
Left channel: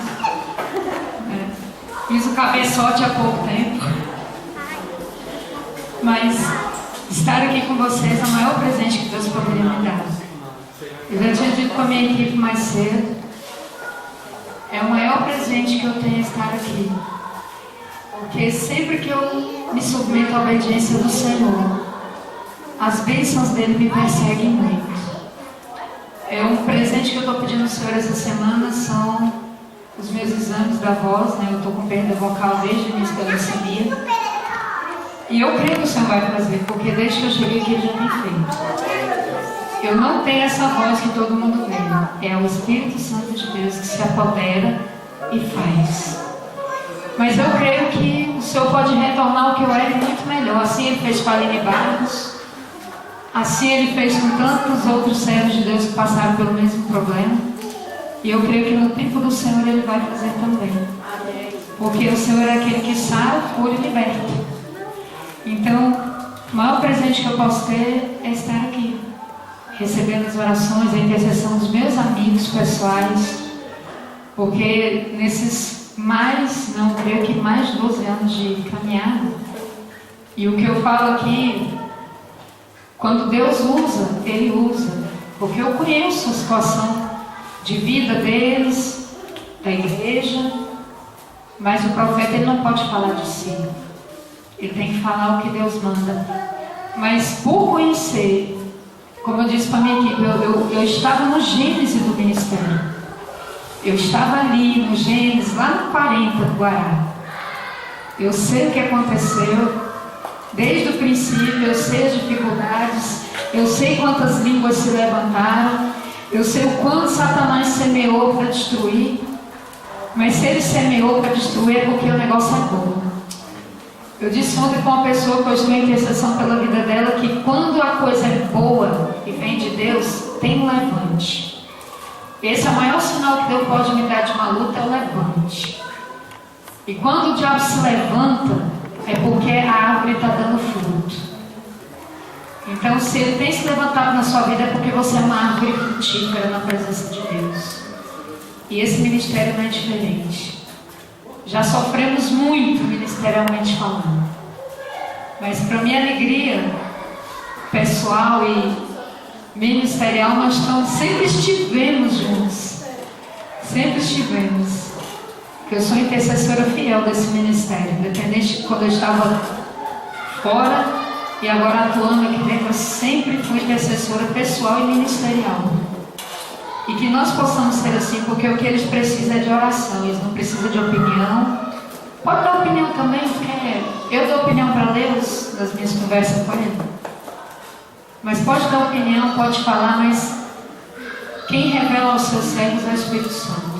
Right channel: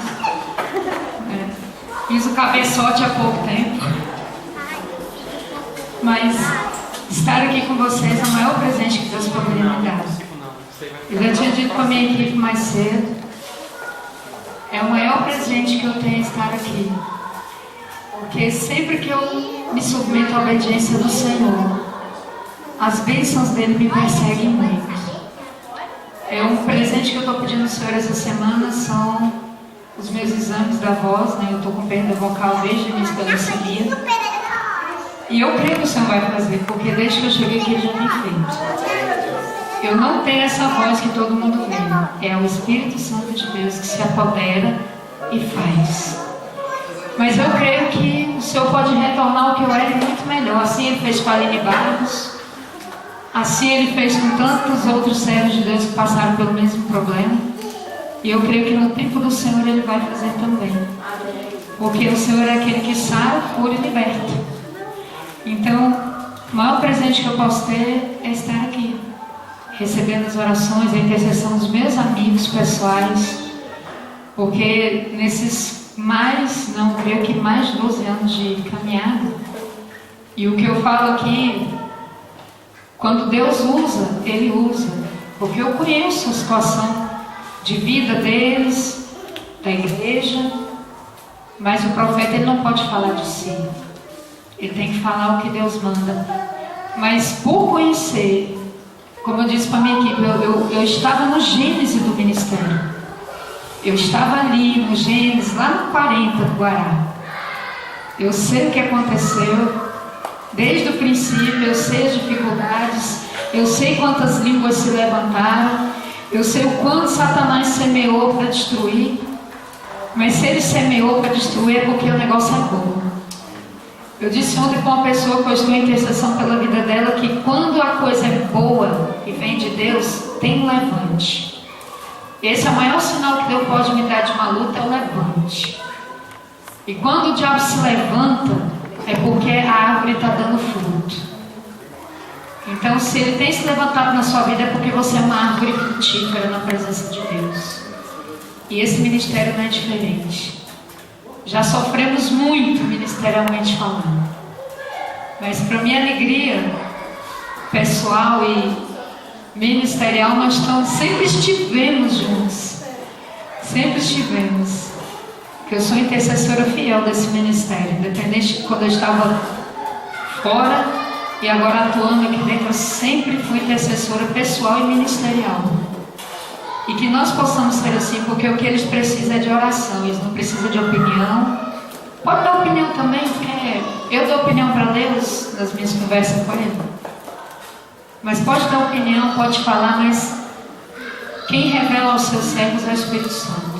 fiz o cabeçote há pouco tempo, mas estar aqui com vocês é o maior presente que Deus poderia me dar. Eu já tinha dito com a minha equipe mais cedo, é o maior presente que eu tenho estar aqui. Porque sempre que eu me submeto à obediência do Senhor, as bênçãos dele me perseguem muito. É um presente que eu estou pedindo ao Senhor essa semana, são os meus exames da voz, né? Eu estou com perda vocal desde o início da leucemia. E eu creio que o Senhor vai fazer, porque desde que eu cheguei aqui ele já tem feito. Eu não tenho essa voz que todo mundo vê. É o Espírito Santo de Deus que se apodera e faz. Mas eu creio que o Senhor pode retornar o que eu era muito melhor. Assim Ele fez com a Aline Barros, assim Ele fez com tantos outros servos de Deus que passaram pelo mesmo problema. E eu creio que no tempo do Senhor Ele vai fazer também. Porque o Senhor é aquele que sara, cura e liberta. Então, o maior presente que eu posso ter é estar aqui, recebendo as orações, a intercessão dos meus amigos pessoais. Porque nesses creio que mais de 12 anos de caminhada. E o que eu falo aqui, quando Deus usa, Ele usa. Porque eu conheço a situação de vida deles, da igreja, mas o profeta ele não pode falar de si. Ele tem que falar o que Deus manda. Mas por conhecer, como eu disse para a minha equipe, eu estava no gênese do ministério. Eu estava ali no Gênesis, lá no 40 do Guará. Eu sei o que aconteceu, desde o princípio, eu sei as dificuldades, eu sei quantas línguas se levantaram, eu sei o quanto Satanás semeou para destruir, mas se ele semeou para destruir é porque o negócio é bom. Eu disse ontem com uma pessoa que eu estou em intercessão pela vida dela, que quando a coisa é boa e vem de Deus, tem um levante. Esse é o maior sinal que Deus pode me dar de uma luta, é o levante. E quando o diabo se levanta, é porque a árvore está dando fruto. Então, se ele tem se levantado na sua vida, é porque você é uma árvore frutífera na presença de Deus. E esse ministério não é diferente. Já sofremos muito ministerialmente falando. Mas para minha alegria pessoal e ministerial, nós sempre estivemos juntos. Sempre estivemos. Porque eu sou intercessora fiel desse ministério. Independente de quando eu estava fora e agora atuando aqui dentro, eu sempre fui intercessora pessoal e ministerial. E que nós possamos ser assim, porque o que eles precisam é de oração, eles não precisam de opinião. Pode dar opinião também, porque eu dou opinião para Deus nas minhas conversas com Ele. Mas pode dar opinião, pode falar, mas quem revela aos seus servos é o Espírito Santo.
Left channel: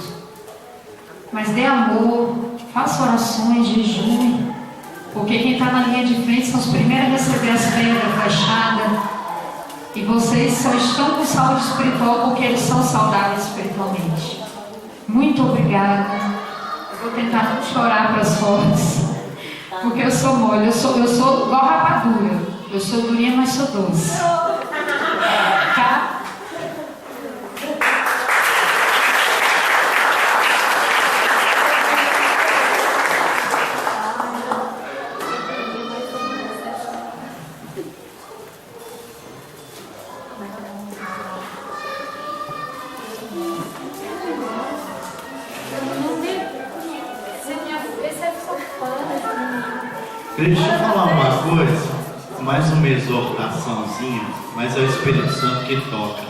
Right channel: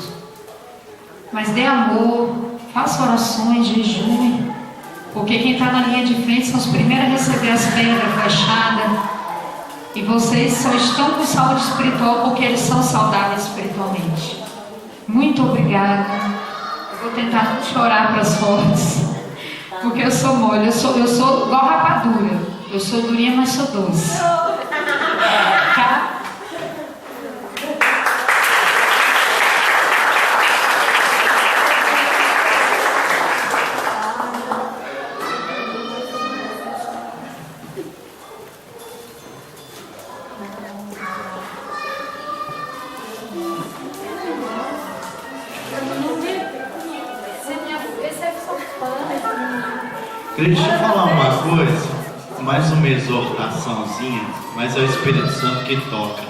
Mas dê amor, faça orações, jejum, porque quem está na linha de frente são os primeiros a receber as pedras fechadas. E vocês só estão com saúde espiritual porque eles são saudáveis espiritualmente. Muito obrigada. Eu vou tentar não chorar para as fortes, porque eu sou mole, eu sou igual rapadura. Eu sou durinha, mas sou doce. Tá? Deixa eu falar uma coisa, mais uma exortaçãozinha, mas é o Espírito Santo que toca.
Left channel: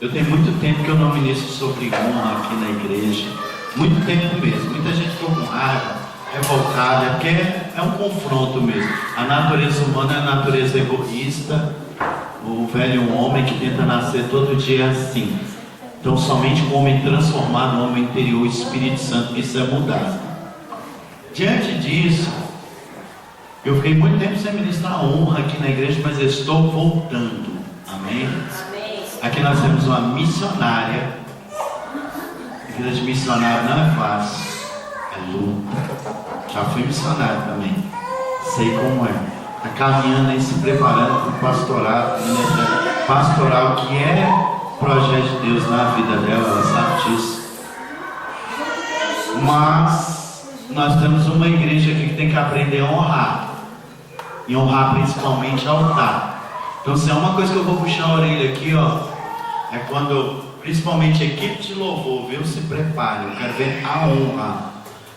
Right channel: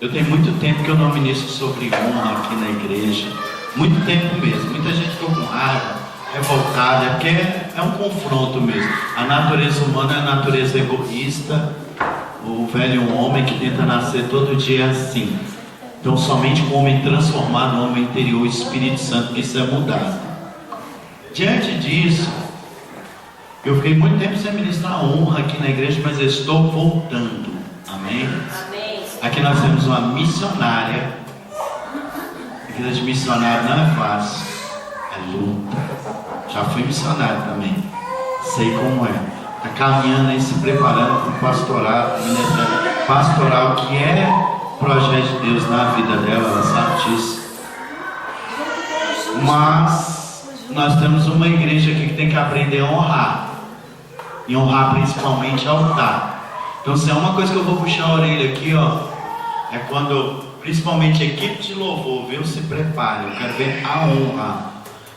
Eu tenho muito tempo que eu não ministro sobre honra aqui na igreja, muito tempo mesmo. Muita gente ficou com raiva, revoltada, porque é um confronto mesmo. A natureza humana é a natureza egoísta, o velho homem que tenta nascer todo dia é assim. Então somente com o homem transformado no homem interior, o Espírito Santo, que isso é mudado. Diante disso, eu fiquei muito tempo sem ministrar honra aqui na igreja, mas eu estou voltando. Amém? Aqui nós temos uma missionária. A vida de missionário não é fácil, é luta. Já fui missionário também, sei como é. Está caminhando aí, se preparando para o pastorado, pastoral, que é o projeto de Deus na vida dela, ela sabe disso. Mas nós temos uma igreja aqui que tem que aprender a honrar. E honrar principalmente altar. Então se é uma coisa que eu vou puxar a orelha aqui, ó, é quando, principalmente a equipe de louvor, viu? Se prepare, eu quero ver a honra.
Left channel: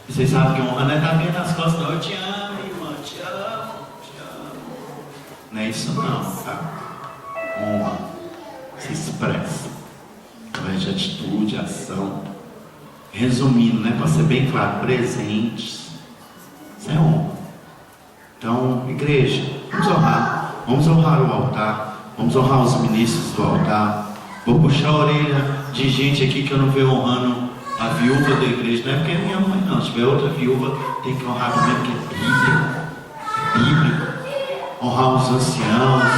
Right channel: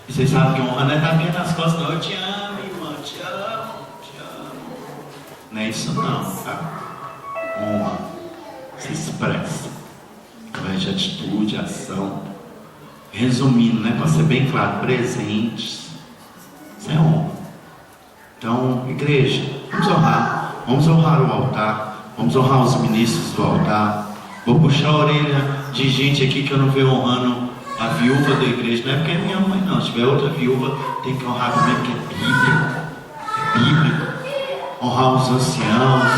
E vocês sabem que honra não é tapinha nas costas, não. Eu te amo, irmão, te amo, te amo. Não é isso não, tá? Honra se expressa através de atitude, ação. Resumindo, né, para ser bem claro, presentes. Isso é honra. Então, igreja, vamos honrar o altar, vamos honrar os ministros do altar. Vou puxar a orelha de gente aqui que eu não vejo honrando a viúva da igreja, não é porque é minha mãe não, se tiver outra viúva, tem que honrar também, porque é bíblico, honrar os anciãos,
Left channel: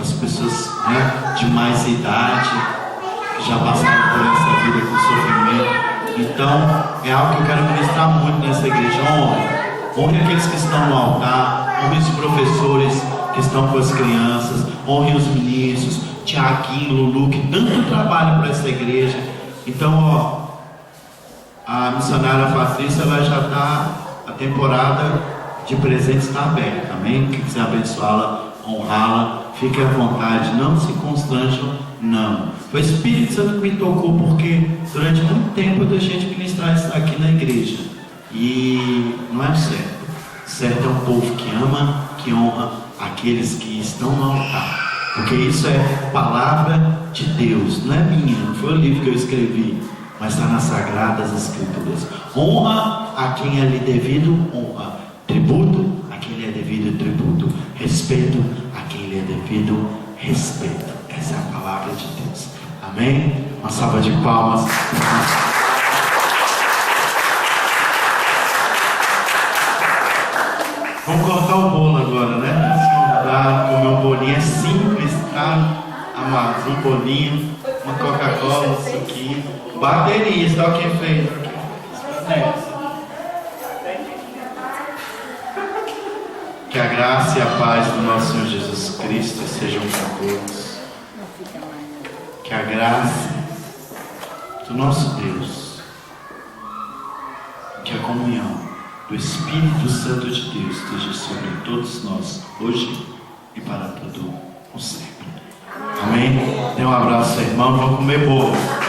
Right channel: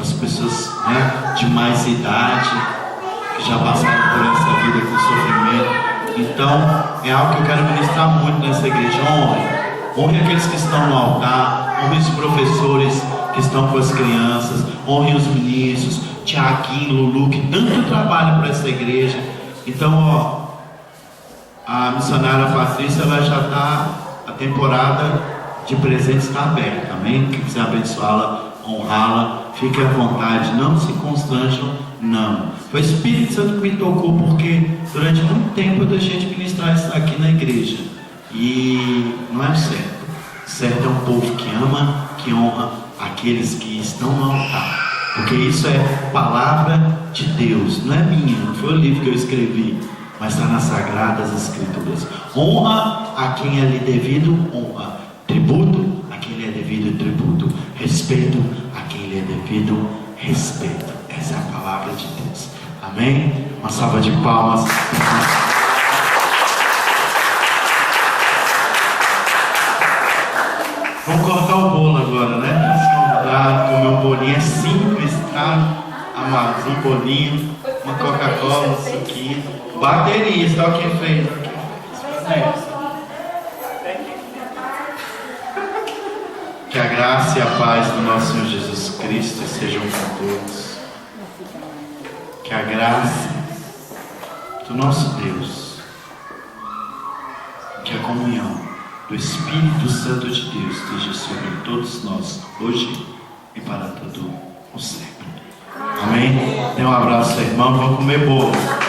as pessoas, né, de mais idade, que já passaram por essa vida com sofrimento. Então, é algo que eu quero ministrar muito nessa igreja. Honre aqueles que estão no altar, honre os professores que estão com as crianças, honre os ministros, Tiaguinho, Lulu, que tanto trabalham para essa igreja. Então, ó, a missionária Patrícia, ela já está, a temporada de presentes está aberta, amém? Quem quiser abençoá-la, honrá-la, fique à vontade, não se constranjam, não. Foi o Espírito Santo que me tocou, porque durante muito tempo eu deixei de ministrar isso aqui na igreja. E não é o certo. O certo é um povo que ama, que honra aqueles que estão no altar. Porque isso é palavra de Deus, não é minha, não foi o livro que eu escrevi, mas está nas Sagradas Escrituras. Honra a quem é lhe devido honra, tributo a quem lhe é devido tributo, respeito a quem lhe é devido respeito. Essa é a palavra de Deus. Amém? Uma salva de palmas. Vamos cortar o bolo agora, né? Comer um bolinho, é simples, tá? Amados, um bolinho, uma Coca-Cola, um suquinho. Bateria, só quem fez. Que a graça e a paz do nosso Senhor Jesus Cristo sejam com todos. Que a graça do nosso Deus, que a comunhão do Espírito Santo de Deus esteja sobre todos nós, hoje e para todo o sempre. Amém? Dê um abraço, irmão. Vamos comer bolo.